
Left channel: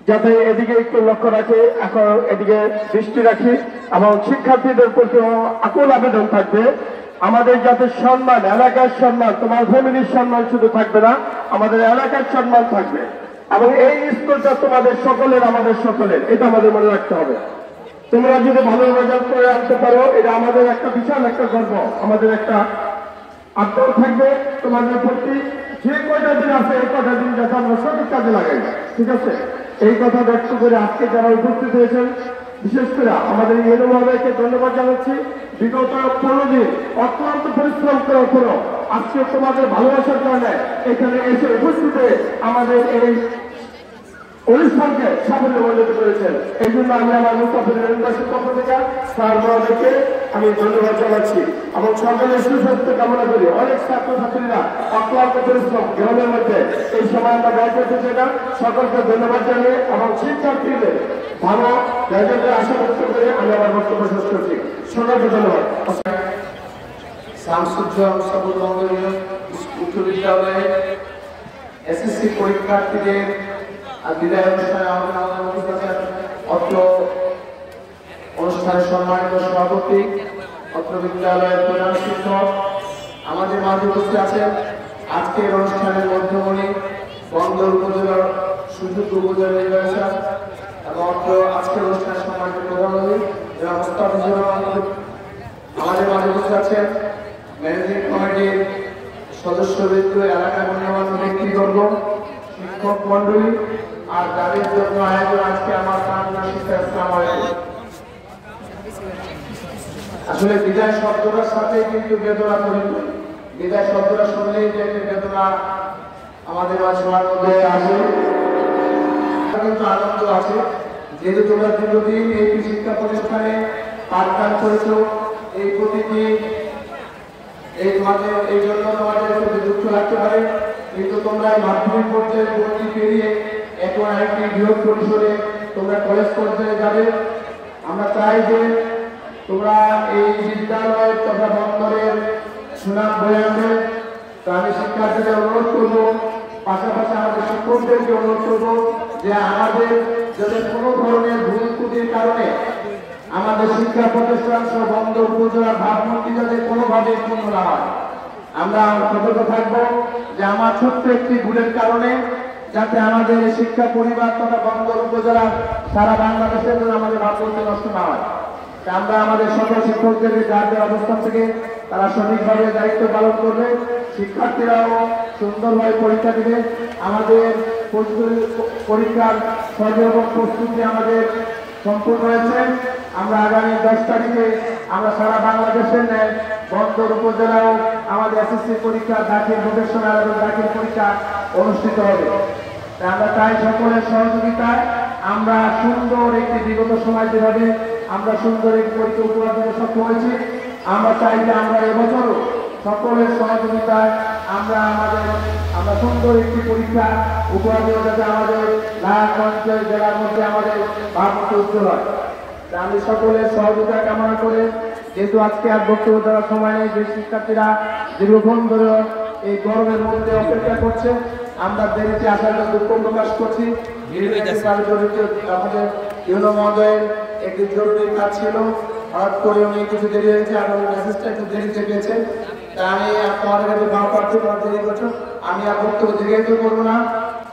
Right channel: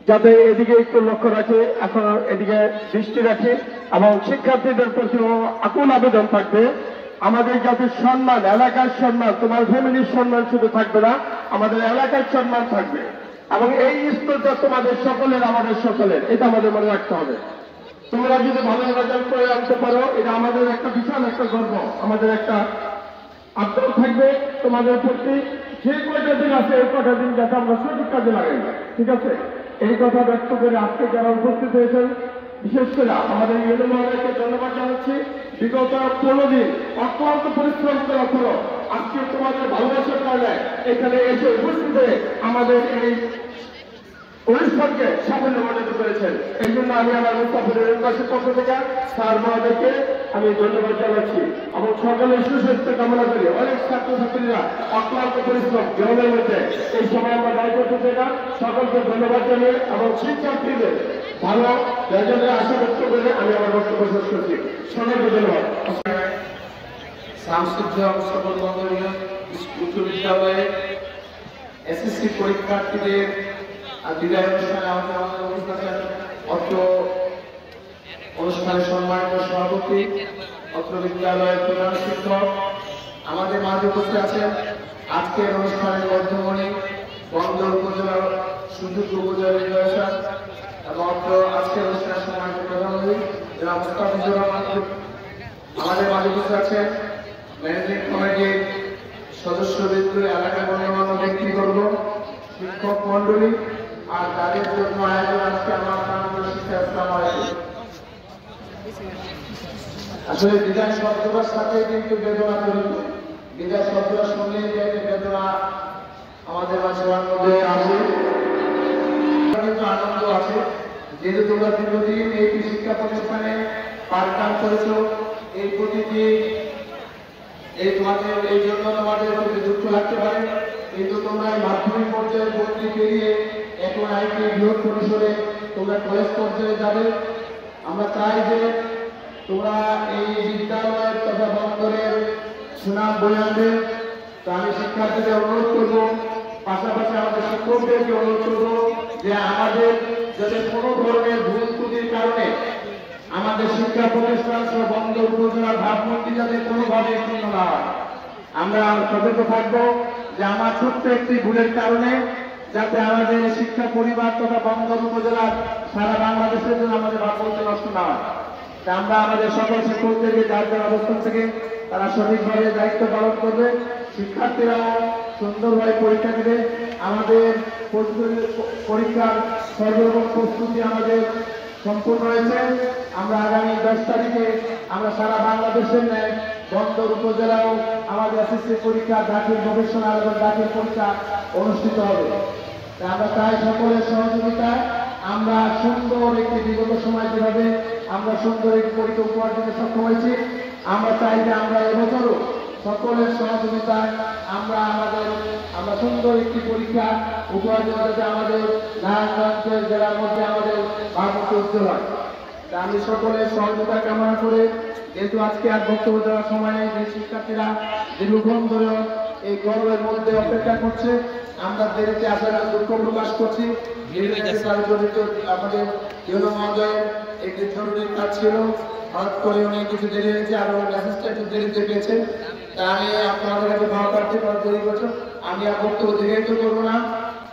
যাতে এদিকে একটু লক্ষ্য রাখে, এখন এদিকে দৃষ্টি রাখে এবং শিক্ষার্থীদের প্রতি আকুল আবেদন থাকবে আমাদের যাতে সম্মান, এলাকার সম্মান, তোমার ফ্যামিলির সম্মান শুধু থাকবে না, আমাদের এলাকার সম্মান থাকবে এবং এই স্কুলটা তোমাদের সকলের, আমাদের সকলের, এটা আমাদের মনে রাখতে হবে। তোমরা যদি ভালো রেজাল্ট করে আনতে পারো, এটা আমাদের একটা বিশাল একটা গর্ব, আমাদের একটা আগ্রহ থাকবে তোমাদের প্রতি। যে কয়টা দিন আছে এই কয়টা দিন যাতে আমরা সঠিক কাজে লাগাই, ঠিক আছে? এই কথা ব্যক্ত করে আজকে যারা উপস্থিত হয়েছেন, বিশেষ করে আমাদের ইউনো মহোদয়কে ধন্যবাদ জানাচ্ছি। বিগত 15 দিন অত্যন্ত পরিশ্রম করার পরও আজকে তোমাদের ভালোবাসার কারণে এখানে এসে উপস্থিত হয়ে আমাদের এই অনুষ্ঠানকে সাফল্য মণ্ডিত করেছে। এই জন্য আমি আমার মুস্তাফিজুর ইউনিভার্সিটির পক্ষ থেকে স্যার মহোদয়কে আমি ধন্যবাদ জানাচ্ছি এবং সকলের সুস্বাস্থ্য কামনা করি। অনেক ছাত্রছাত্রীরা অক্লান্ত পরিশ্রম গ্রামের মধ্যে এই সময় আমরা ব্যয় করতে চাই না। সকলকে ধন্যবাদ জানিয়ে এবং শিক্ষার্থীদের ভালো রেজাল্টের আশা ব্যক্ত করে আমি আমার বক্তব্য শেষ করছি। সকলকে ধন্যবাদ। শামসুদ্দিয়া সকল বঙ্গীয় উচ্চ বিদ্যালয়ে এসএসসি পরীক্ষার্থীদের বিদায় অনুষ্ঠানে আমাদের অত্র অনুষ্ঠানের সম্মানিত সভাপতি, অত্র বিদ্যালয়ের প্রধান শিক্ষক আমাদের মাঝে উপস্থিত আছেন। আজকের অনুষ্ঠানের মধ্যমণি বন্দর উপজেলার সুযোগ্য উপজেলা নির্বাচন এবং অত্র আজকের অনুষ্ঠানের সম্মানিত প্রধান অতিথি যারা মুস্তাফিজুর রহমান আমাদের মাঝে উপস্থিত আছেন। ম্যানেজিং কমিটির সদস্যবৃন্দ, এলাকার গণ্যমান্য ব্যক্তিবর্গ, শিক্ষক মন্ডলী আর যাদের জন্য আয়োজন আজকে আমার আসলে বিদায় শব্দটার সাথে কিন্তু বেদনা জড়িত। বিদায় শব্দটা শুনলেই যে বেদনা আমাদের মাঝে মধ্যে আসে, কিন্তু আনন্দ আছে। যেহেতু তোমরা দীর্ঘদিন এই শিক্ষা প্রতিষ্ঠানে পাঠদান করেছো, এই প্রতিটি এই তোমাদের এই জন্য তোমাদের একটু দুঃখ লাগতে পারে, কিন্তু তোমরা এই মাধ্যমিক পর্যায়ে ভর্তি পেরিয়ে এখন আরেকটি বৃহৎ পরিসরে তোমরা কলেজ পর্যায়ে যাবে। আমরা চাই যে তোমরা এই বিদ্যালয়ের তথা বন্দরের সুনাম বয়ে আনবে। তো আমি শিক্ষার্থীদের অনুরোধ করবো, পাশাপাশি আমাদের শিক্ষকদেরকে অনুরোধ করবো যে আমাদের যাতে কোনো ধরনের ভুল শিক্ষা প্রতিষ্ঠান সহ বন্দর উপজেলা ভাবমূর্তি যাতে কোনোভাবে ক্ষুণ্ণ না হয়। আমরা সতর্ক থাকবো যে আমার ছোট্ট একটি ভুলের কারণে যাতে আমাদের শিক্ষা পরিবার তথা বন্দর উপজেলার সারা বাংলাদেশের জন্য আমাদের ভাবমূর্তি নষ্ট না হয়। আমরা আমাদের সকল শিক্ষকদের যার যার অবস্থান থেকে তারা সঠিকভাবে দায়িত্ব পালন করবে, শিক্ষার্থীরাও সুন্দরভাবে পরীক্ষা দেবে। আমাদের পরীক্ষার সর্বরকম প্রস্তুতি আমাদের সম্পূর্ণ হয়েছে। আমরা আগামী 10 তারিখে আমরা সারা বাংলাদেশের ন্যায় বন্দর উপজেলাও আমাদের এসএসসি পরীক্ষা, দাখিল প্রফেশনাল এবং দাখিল পরীক্ষা অনুষ্ঠিত হবে। আমরা চাই সকলের সহযোগিতায় আমরা সুন্দর একটি বিগত সময় যেভাবে আমরা সুন্দর একটি পরীক্ষা উপহার দিতে সক্ষম হয়েছি, আমরা চাই যে আমরা এবছরও সকলের সহযোগিতায় আমরা সুন্দর একটি পরীক্ষা উপহার দেব, যাতে আমাদের নারায়ণগঞ্জ জেলার মধ্যে আমাদের ভাবমূর্তি উজ্জ্বল হয়। আমি সকলের সহযোগিতা কামনা করে, যেহেতু আজকে আর বক্তব্য দেওয়ার সময় যে শিক্ষার্থীরা দীর্ঘক্ষণ ধরে এই গরমের মধ্যে অপেক্ষা করছে, আমরা দেরিতে আসার জন্য দুঃখ প্রকাশ করছি। আমাদের ইউনো মহোদয়ের একটি জরুরি কাজ ছিল, হঠাৎ করে উনি কিছু দেরি হয়েছে আর ওর মেসেজটা একটু দেরিতে পেয়েছে। তা আমি তোমাদের কাছে ভালো প্রার্থী দেরি করছো, আমি আর বক্তব্য দীর্ঘায়িত করবো না।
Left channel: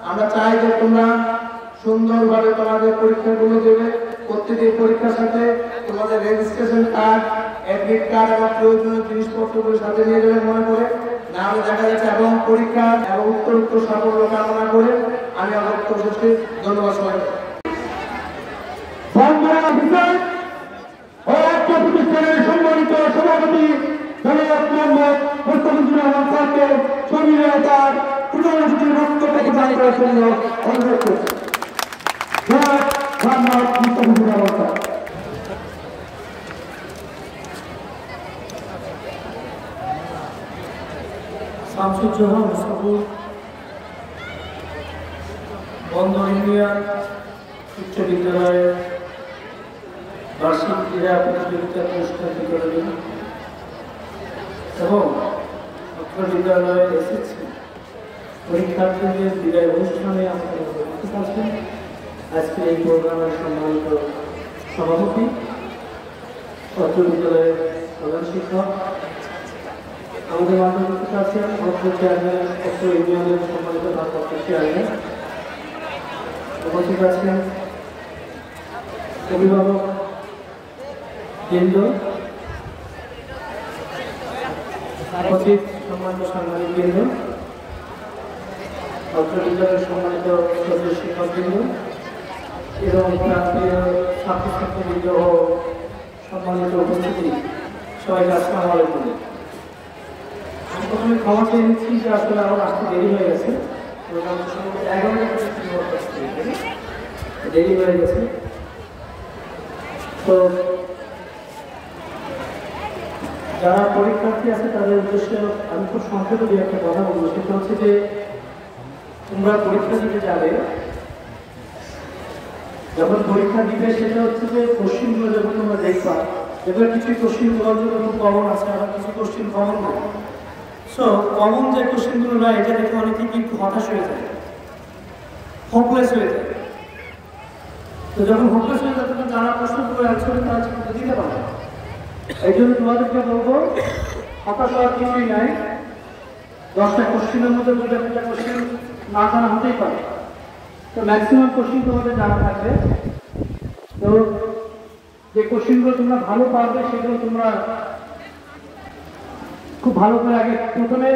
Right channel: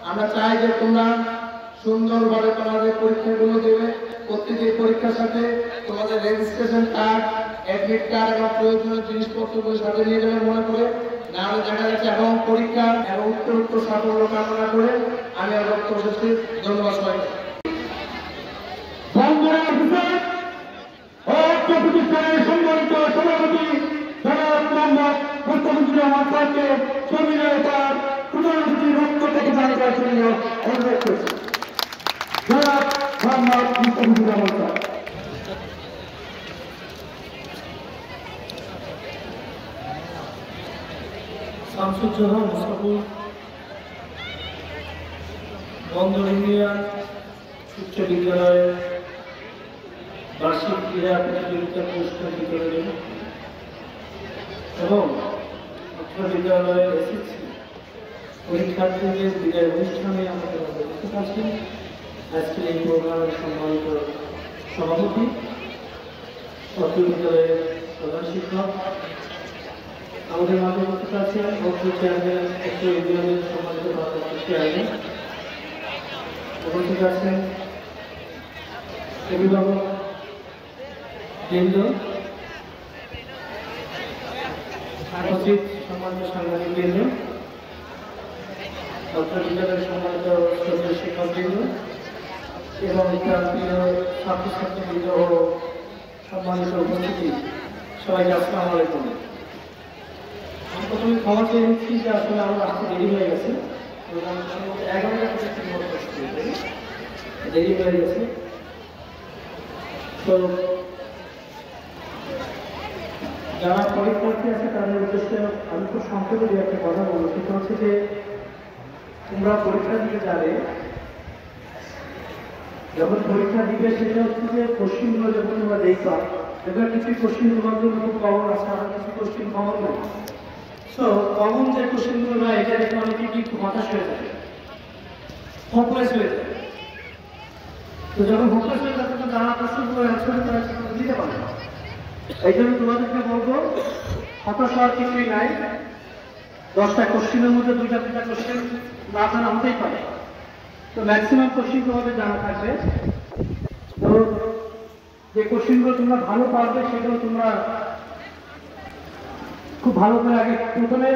আমরা চাই যে তোমরা সুন্দরভাবে তোমাদের পরীক্ষাগুলো দেবে। প্রত্যেকটি পরীক্ষার সাথে তোমাদের রেজিস্ট্রেশন কার্ড, অ্যাডমিট কার্ড এবং প্রয়োজনীয় জিনিসপত্রগুলো সাথে নিয়ে যাবে মনে করে, না হলে দেখা যাচ্ছে। এবং পরীক্ষা এবং উত্তর সাফল্য কামনা করে আমি আমার বক্তব্য শেষ করি। ধন্যবাদ সবাইকে। প্রতিষ্ঠানের সম্মানিত সভাপতি জনাব মোহাম্মদ মুস্তাফিজুর রহমান স্যারকে সংবিধাতার প্রধান অতিথির বক্তব্য থেকে জানিয়ে দেওয়ার জন্য অনুরোধ করছি। জনাব মোহাম্মদ মুস্তাফিজুর রহমান স্যার। শামসুজ্জামান মুসাফুর বন্দর ইউনিয়ন উচ্চ বিদ্যালয়ের বার্ষিক ক্রীড়া প্রতিযোগিতার পুরস্কার বিতরণী এবং উচ্চ বিদ্যালয়ের এসএসসি পরীক্ষার্থীদের বিদায় অনুষ্ঠানে আমাদের উপস্থিত আছেন আজকে এই প্রোগ্রামের সম্মানিত সভাপতি, উচ্চ বিদ্যালয়ের প্রধান শিক্ষক, আমাদের মাঝে উপস্থিত আছেন অর্থ চেয়ারম্যান, অর্থ ইউনিয়নের সম্মানিত ভারপ্রাপ্ত চেয়ারম্যান, উপস্থিত আছেন অভিভাবক বৃন্দ, উপস্থিত সম্মানিত সাংবাদিক বৃন্দ, অর্থ বিদ্যালয়ের সম্মানিত শিক্ষক বৃন্দ এবং প্রান্তীয় ছাত্রছাত্রীবৃন্দ ও সম্মানিত উপস্থিতি, সবাইকে আসসালামু আলাইকুম। আমি প্রথমে ক্ষমা চেয়ে নিচ্ছি যে আসলে আমার আসতে দেরি হয়ে গেছে, 11 দেরি হয়ে গেছে। তো যারা পরীক্ষার্থী আছে তাদের উদ্দেশ্যে আমি খুব সংক্ষেপে দু একটা কথা বলবো। সেটা হচ্ছে যে তোমরা পরীক্ষা দিতে যাবে, যখন পরীক্ষা দিবে সেটা হচ্ছে যে কোশ্চিনগুলো যখন তোমরা দেখবা, এবার কিছু কোশ্চিনগুলোর জন্য খুব কমন আছে, আর কিছু কোশ্চিন কমন নয়। সো কমন যে কোশ্চিনগুলো নয়, এটা দেখে অনেকে কিন্তু হতাশ হয়ে যায়, হোপলেস হয়ে যায়। তো যখন হোপলেস হয়ে যায় তখন যারা প্রশ্নগুলো অ্যান্সার তারা কিন্তু দিতে পারে। এই জন্য তোমাদেরকে বলবো হতাশ হওয়ার কিছুই নাই। 10টা কোশ্চিনের মধ্যে 2টা কোশ্চিন না জানা হতেই পারে, তো ম্যাক্সিমাম কোশ্চিন তোমাদের জানা থাকবে। তো যে কোশ্চিনগুলো তোমরা ভালো পারবে সেগুলো তোমরা খুব ভালো করে আগে প্রথমে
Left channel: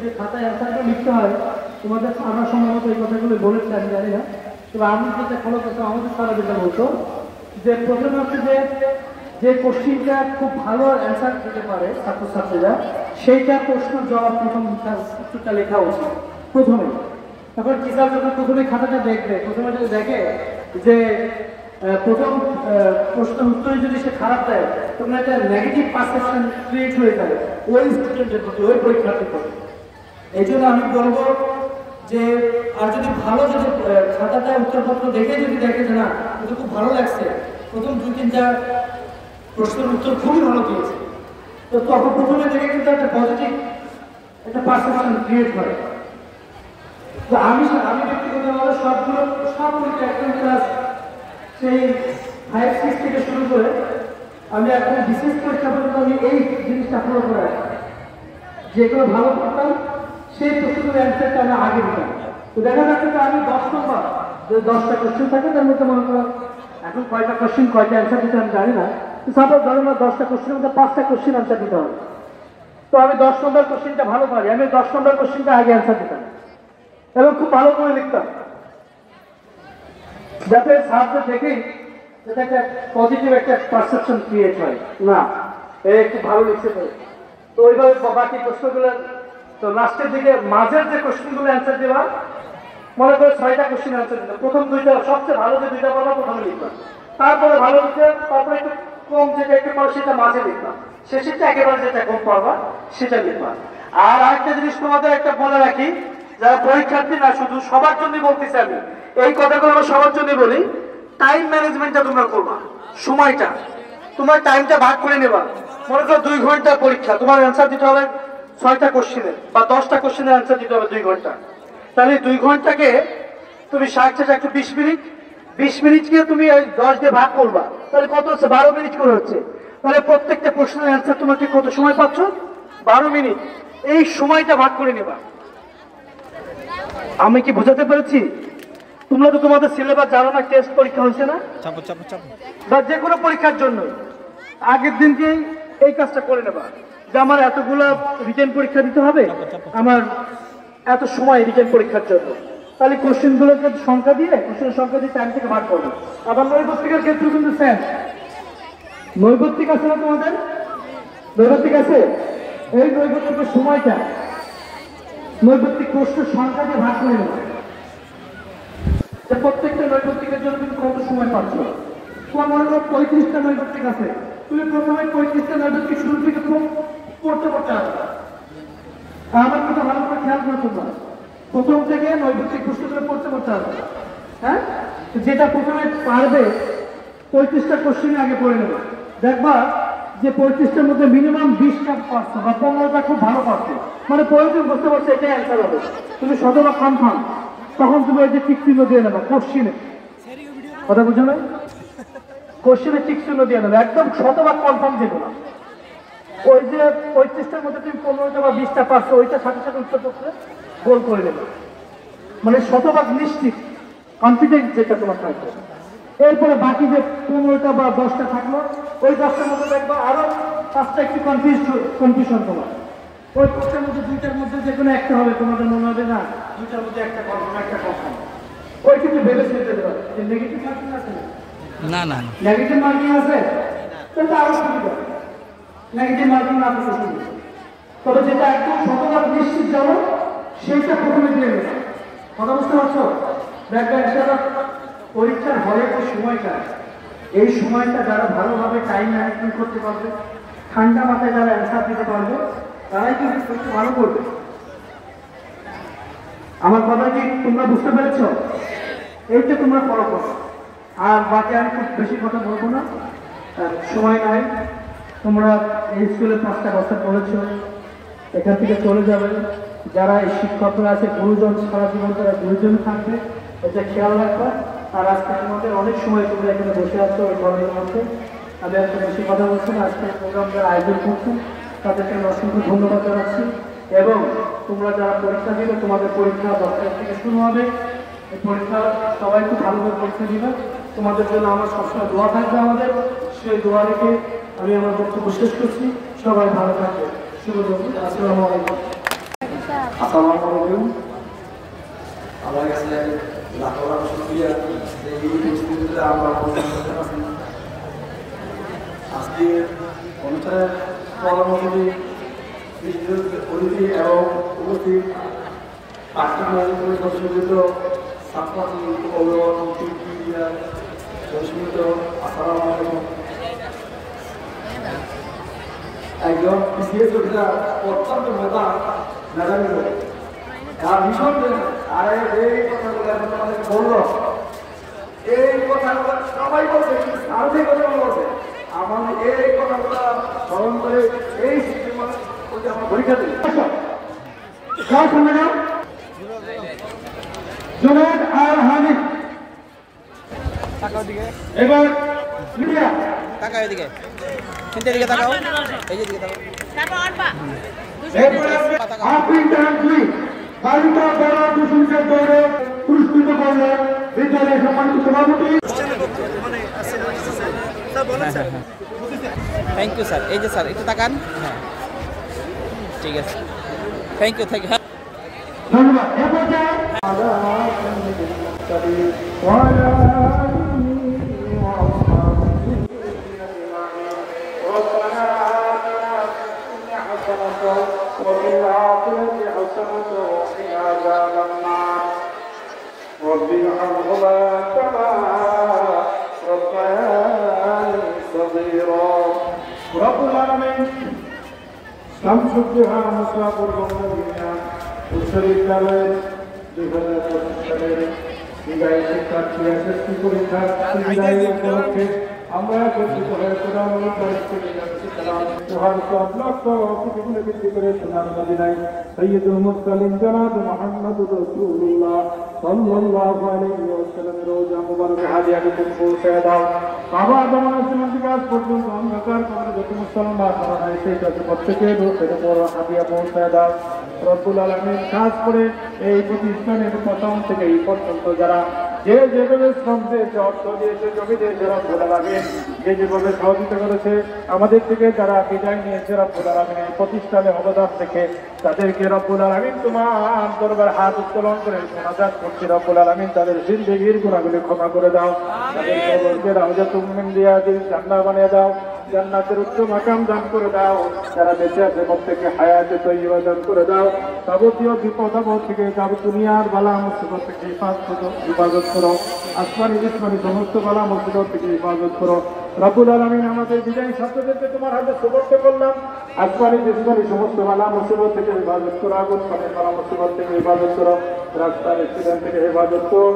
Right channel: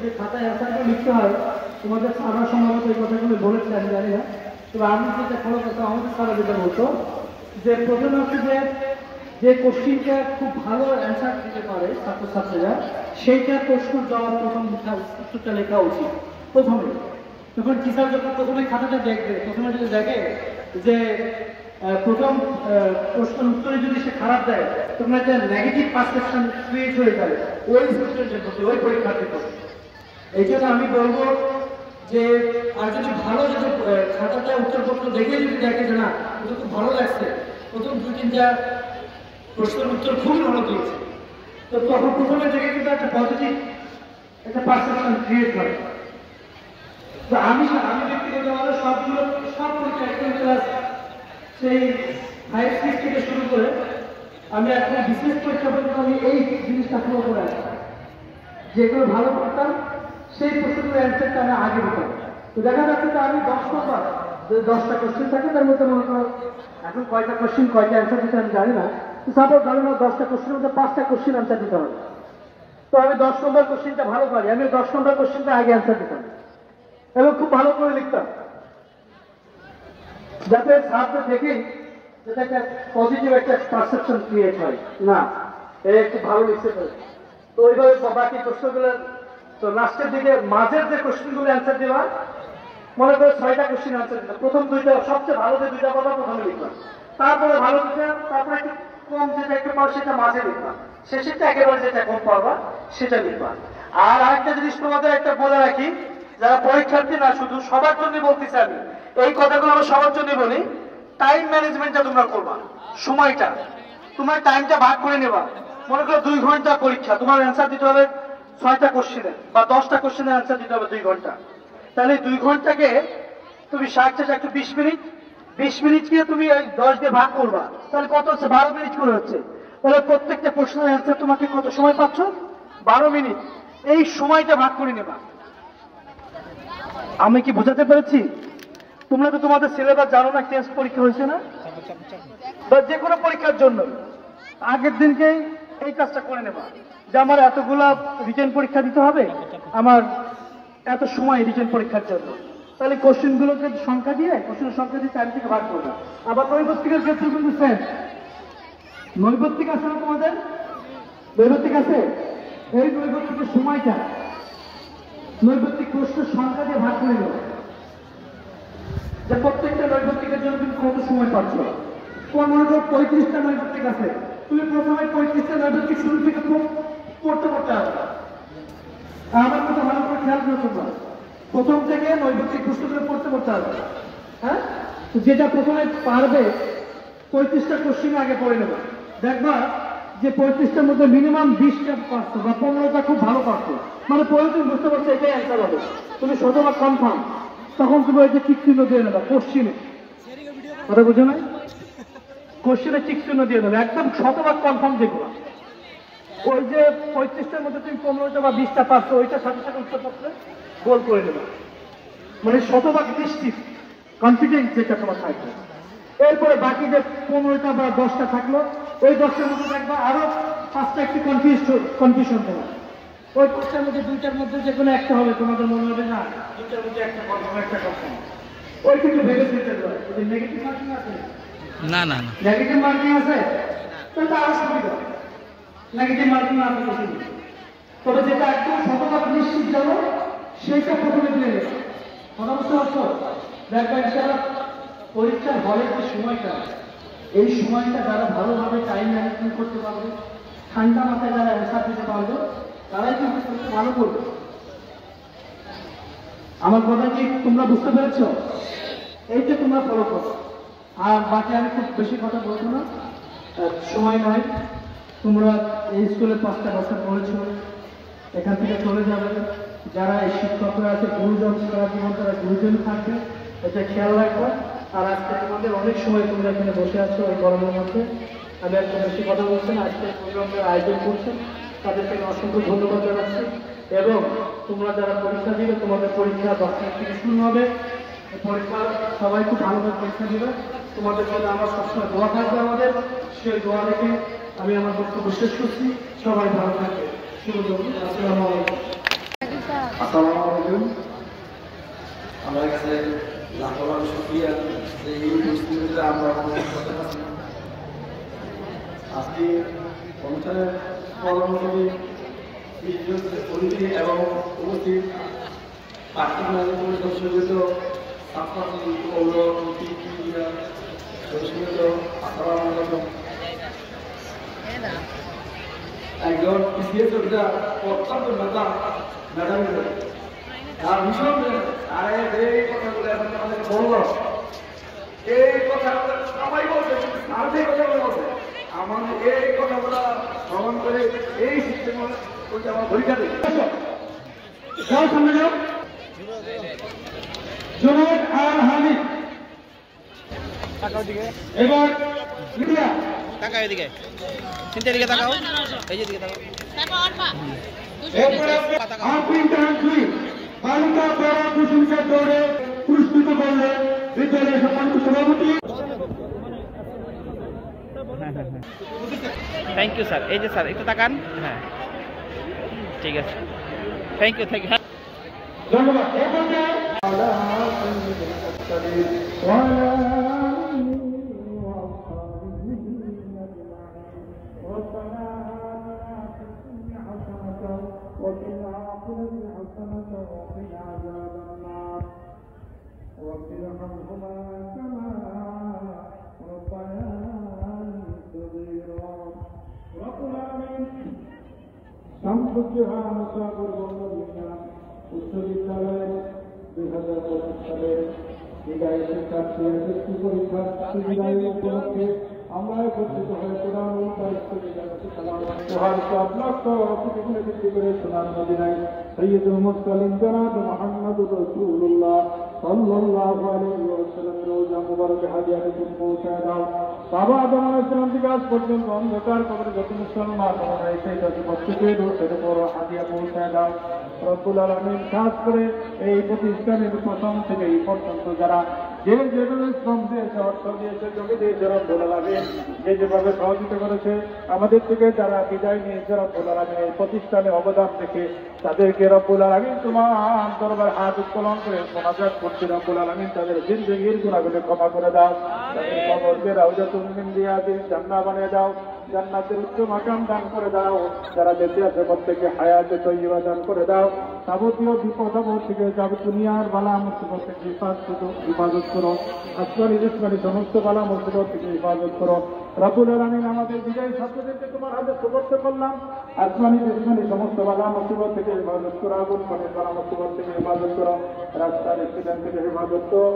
যে খাতায় অ্যান্সারটা লিখতে হয়, তোমাদের আমরা সম্ভবত এই কথাগুলো বলেছি, আমি জানি না। তবে আমি যেটা ভালো কথা আমাদের সারা যেটা বলতো যে প্রথমে হচ্ছে যে কোশ্চিনটা খুব ভালো অ্যান্সার দিতে পারে ছাত্রছাত্রীরা, সেইটা প্রশ্নের জবাব প্রথম উত্তরটা লেখা উচিত প্রথমে। তখন টিচার যখন প্রথমে খাতাটা দেখবে, প্রথমে যদি দেখে যে প্রথম প্রশ্নের উত্তরে যদি সে খারাপ দেয়, তখন একটা নেগেটিভ পারসেপশন ক্রিয়েট হয়ে যাবে ওই স্টুডেন্টের প্রতি, ওই পরীক্ষার্থীর প্রতি। এই জন্য আমি বলবো যে আর যদি ভালো যদি খাতাটা উত্তরপত্র দেখে যদি দেখে যে না এটা খুব ভালো লাগছে, প্রথম 2-3টা প্রশ্নের উত্তর খুবই ভালো দিয়েছে, তো তখন প্রথমে দেখে কিন্তু একটা পজিটিভ একটা পারসেপশন ক্রিয়েট করে। তো আমি ব্যক্তিগতভাবে সব পরীক্ষা একদম ক্লাস সেই 5-6 থেকে শুরু করে আমি এখন বিশেষ পরীক্ষা পর্যন্ত আমি এই জিনিসটা ফলো করে আসি, যেগুলো ভালো করতাম সেই প্রশ্নগুলো অ্যান্সারটা আমি আগে দিতাম। তো দেখা যাচ্ছে যে আমি 10 নম্বর, যদি 10টা কোশ্চেন থাকে তার মধ্যে মনে করো এখন কয়টা কোশ্চেন কয়টা অ্যান্সার দিতে আমি জানি না, তো সাপোজ ধরো না 10টা কোশ্চেনের মধ্যে 5টা কোশ্চেন অ্যান্সার দিতে হবে। তো আমি 10 নম্বর কোশ্চেনটা ভালো পারি, আমি 10 নম্বর কোশ্চেনটা আগে অ্যান্সার দিতাম এবং খুব ভালো করে লিখতাম, যাতে ছাত্র দেখেই যাতে একটা পজিটিভ একটা পারসেপশন ক্রিয়েট হয়, না এ একটু ভালো লিখতে পারে। তো ওইভাবে বাকি প্রশ্নগুলো, তো লাস্টের দিকে মাঝের যে কোশ্চেনগুলো অ্যান্সার দেওয়া, মনে করে 6টা কোশ্চেন অ্যান্সার দিতাম। প্রথম 2টা সবচেয়ে ভালো যে 2টা পাবো প্রথমে লিখলাম, তারপরে ভালো লিখলাম, তারপরে একটু কম যেটা একটু পর সেটা মাঝে লিখলাম, শেষেরটা একেবারে যেটা কম পারবা সেটা লিখলাম। আর আরেকটা জিনিস তোমাদের একটা বলে রাখি, যারা পরীক্ষার্থী না শুধু সবার জন্য বলতেছি আমি, এই কথাগুলো আমরা সবার জন্য বলি, টাইম ম্যানেজমেন্টটা তোমরা করবা। সময়টা তোমার টাইমটা ভাগ করে নেবা। মনে করো 2 ঘন্টা পরীক্ষা, তোমার অ্যান্সার দিতে হবে 6টা কোশ্চেনের বা 10টা কোশ্চেনের অ্যান্সার দিতে হবে 2 ঘন্টা। তাহলে 2 ঘন্টাকে তুমি 60 20 মিনিট, 20 মিনিটকে তুমি 10 দিয়ে ভাগ করবা, তাহলে কত হচ্ছে? 12 মিনিট করে হচ্ছে। তাহলে প্রত্যেকটা প্রশ্নের অ্যান্সার তোমাকে কত সময় পাচ্ছ? 12 মিনিট। এই সময়টা ভাগ করে নেবা। আমি কি বোঝাতে পেরেছি? তোমরা তো তোমাদের সিলেবাস জানো না, টেস্ট পরীক্ষা হয়েছে না, বা যে কোনো পরীক্ষার জন্য আগের দিনকেই এই কাজটা করে নেবা, যে আমার এতগুলা রিটেন পরীক্ষা দিতে হবে, আমার এত সময় রিটেন পরীক্ষার জন্য। তাহলে কোশ্চেনগুলোকে সংখ্যা দিয়ে, কোশ্চেনের সংখ্যা দিয়ে টাইম থেকে ভাগ করবো। আবার নৈবত্তিকের ক্ষেত্রে কিন্তু সেম। নৈবত্তিক আছে না তোমাদের? নৈবত্তিক আছে। এই নৈবত্তিকের সময়টা নৈবত্তিক প্রশ্নের সংখ্যা দিয়ে ভাগ করে নেবে, যে প্রত্যেকটা নৈবত্তিকের জন্য কিন্তু কত সময় পাচ্ছ। তোমার মনে করো 35টা নৈবত্তিক আছে, তুমি প্রথমে 35টা নৈবত্তিক শুরু থেকে পড়তে হবে। আমার কথা ভালো করে খেয়াল করে তোমরা প্রথম থেকে নৈবত্তিক প্রশ্নগুলো পড়তে হবে। হ্যাঁ, যেটা প্রথমে পারবে 35টা কোশ্চেন আগে পড়ে নেবে, দেখবা যে 35টার মধ্যে মিনিমাম 20টা পারছো বা 15টা খুব ভালো পারছো, মানে প্রয়োজন বুঝতে পারছো এটাই অ্যান্সার হবে, তুমি শতভাগ কনফার্ম। তখন তুমি ওই যে টিক চিহ্ন দিয়ে নেবা কোশ্চিনে, কথা বুঝো না? কোশ্চিনে টিক চিহ্ন দিয়ে দেবে, একদম শতভাগ কনফার্ম যেগুলো। ওই যে 35টার মধ্যে তুমি 15টা বা 20টা পারছো, ওইটা সাথে সাথে উত্তরপত্রে গোল করে দেবে, মানে শতভাগ নিশ্চিত কনফিডেন্স যেটা তোমার থাকবে। এরপরে বাকি যে 15টা বা 10টা থাকলো, ওই 10টার মধ্যে দেখবা আরো 5টা একটু কনফিউশন তোমার। ওই 5টার মধ্যে 2টার মধ্যে যে কোনো একটা হবে, তোমাদের মনে হবে না 2টার মধ্যে একটা কনফার্ম একটা কনফার্ম। ওই কিন্তু ভেবে চিনতে দেবে। নেগেটিভ মার্কিং আছে না? নেগেটিভ মার্কিং আছে, তাহলে আরো সুবিধা। নেগেটিভ মার্কিং না থাকলে, তবে যেটা একদম শতভাগ নিশ্চিত যাবো সেইটা প্রথমে দিয়ে নেবে। কথা বুঝতে পারছো? দেখবে একটা পরীক্ষার হলে যে সময়টা, এই সময়টা যারা ভালোভাবে টাইম ম্যানেজমেন্ট করতে পারবে, ঠান্ডা মাথায় যারা অ্যান্সার দিতে পারবে, তারাই কিন্তু ভালো করবে। আমার কথা কি তোমরা বুঝতে পেরেছ? এই যে তোমরা ফলো করো। আর বাকি আমি খুব বেশি কথা বলবো না, সময় নয়। তোমরা এই স্কুলে 5টা বছর পড়েছো, এখান থেকে চলে যাবে। যারা এই শিক্ষকরা আছে, গুরুজন সারা জীবন তারা গুরুজন থাকবে, এটা খেয়াল রাখবা। আর আজকে তোমাদের অনেক সময় তোমরা এখানে বসে আছো ওই গরমের মধ্যে, আমি একটা বেশি কথা বলছি না। আজকে প্রোগ্রাম যারা আয়োজন করছেন তাদেরকে আমি অসংখ্য ধন্যবাদ জানাচ্ছি। এবং তোমরা যারা পরীক্ষা দিবে, তোমাদের পরীক্ষা 10 তারিখ থেকে শুরু হবে। এই পরীক্ষা সবাই খুব ভালোভাবে পরীক্ষা দিবে। তোমাদের জন্য আমার সবসময় দোয়া থাকবে আমাদের, সেই দোয়া রেখে আমি আমার বক্তব্য শেষ করছি। সবাই ভালো থাকবে। শুভ দুপুর। আসসালামু আলাইকুম। আসসালামু আলাইকুম। আমার কাছে লাখো লাখো শুকরিয়া যে এই পরিস্থিতিতে আমরা অবস্থান করতে পারছি। আজকে অনুষ্ঠানের পরবর্তী বিশেষ অতিথি এবং উপস্থিত পাঠ্য পরিষদ সদস্য, ছাত্রছাত্রী, অভিভাবক, মিডিয়া পরিষদ, আসসালামু আলাইকুম। একজন বিসিএস যোদ্ধা, অত্যন্ত মেধা ম্যাডাম, তার ভীষণ আর এই কথাগুলো এখন আমাদের বলল, এই কথাগুলো সবাই বলছে, কিন্তু সার্ভে কথা বলছে। আমার এই কথাগুলো স্মরণ করে এই সিস্টেম আমার পরীক্ষা দেবে। যাও সামনে যাও। জনাব আর হামিদ, এবার মিডিয়া তাকাও এদিকে চিন্তা এদিকে তাকাও এই যে এদিকে তাকাও এরপরে আপিল টাঙ্কি বালিকা দৌড় প্রশংসার দৌড়ে পুরস্কৃত করলেন বিদ্যালয়ের সম্মানিত সভাপতি। Thank you sir. এই যে স্যার একটু তাকান। হ্যাঁ ঠিক আছে, থ্যাংক ইউ থ্যাংক ইউ। ধন্যবাদ। وفي الآخرة حسنة وقنا عذاب النار رب ارحمهما كما ربياني صغيرا رب العالمين শামসুদ্দোহা মুসাফির বঙ্গবন্ধু বিশ্ববিদ্যালয়ের 2025 সালের বিদায়ী শিক্ষার্থী এসএসসি পরীক্ষার বিদায়ী উপলক্ষে আমরা একত্রিত হয়ে কোরআন পরিস্থিতি ভিত্তি করে সোনার মদিনায় সৈয়দুল মুরসালিন জনাব মুহাম্মদুর রাসূলুল্লাহ সাল্লাল্লাহু আলাইহি ওয়াসাল্লাম রওজা মুবারকে হাদিয়াকে পৌঁছে দাও। বাবা আদম আলাইহিস সালাম থেকে আজ পর্যন্ত অন্ধকার করে যত মুসলমান হয় সেই প্রত্যেকে সেটা বড় হাদিয়া পৌঁছে দাও রব্বুল আলামিন। খাস করে এই প্রতিষ্ঠানের প্রথম থেকে এই পর্যন্ত যারা যেভাবে শ্রম দিয়েছে, অর্থ দিয়েছে, জমি দিয়েছে, রব্বুল আলামিন যেভাবে সহযোগিতা করেছে, আমাদের থেকে যারা বিদায় নিয়েছে রব্বুল আলামিন এই প্রতিষ্ঠানে অবদান থেকে তাদেরকে রব্বুল আলামিন তোমার দরবার হাত উত্তোলন করে মোনাজাত করছি রব্বুল আলামিন তাদের জিন্দেগীর গুনাহগুলি ক্ষমা করে দাও, তাদের কবরকে রাউজাতুল মিন রিয়াদিল জান্নাহ বানিয়ে দাও, জান্নাতের উচ্চ মাকাম দান করে দাও, যারা বেঁচে আছে প্রত্যেককে হায়াতে তৈয়বা দান করে দাও, যাবতীয় বিপদ আপদ থেকে দুনিয়ার বালা মুসিবত থেকে হিফাজত করো, আসমানি জিসমানি সমস্ত বালা মুসিবত থেকে হিফাজত করো রব্বুল আলামিন। আমাদের বিজয়ী ছাত্রদেরকে তোমার হাতে সুপর্দ করলাম, আসমানি জিসমানি সমস্ত বালা মুসিবত থেকে হিফাজত করো, আগুন পানির বালা মুসিবত থেকে হিফাজত করো, রাস্তার অ্যাক্সিডেন্ট থেকে হেফাজত করো,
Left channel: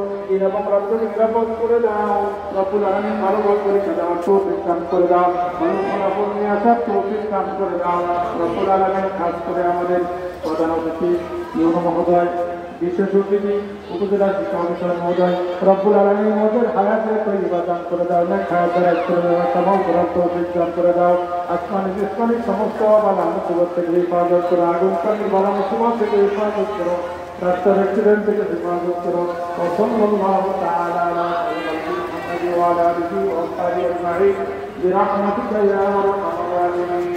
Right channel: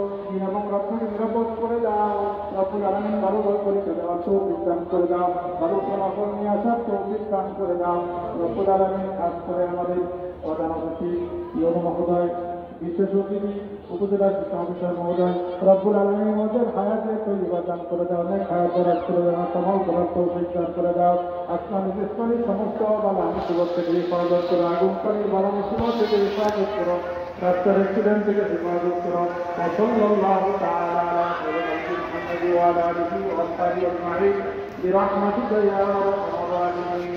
এবং রাস্তাকে নিরাপদ করে দাও রব্বুল আলামিন। ভালো ভালো পরীক্ষা দেওয়ার তৌফিক দান করে দাও, ভালো ফলাফল নিয়ে আসার তৌফিক দান করে দাও রব্বুল আলামিন। খাস করে আমাদের প্রধান অতিথি ইউনো মহোদয়, বিশেষ অতিথি উপজেলা শিক্ষা অফিসার মহোদয় রব্বুল আলামিন ওদের হায়াতে তৈয়বা দান করে দাও, নেক হায়াত দারাজ করে দাও, তামাম করার তৌফিক দান করে দাও, আসমানি জিসমানি সমস্ত বালা মুসিবত থেকে হিফাজত করো, আগুন পানির বালা মুসিবত থেকে হিফাজত করো, রাস্তার অ্যাক্সিডেন্ট থেকে হিফাজত করো। সাল্লাল্লাহু তাআলা আলা মুহাম্মাদ ওয়া আলা আলিহি ওয়া সাহবিহি আজমাইন বিরহমাতিকা ইয়া আরহামার রাহিমিন।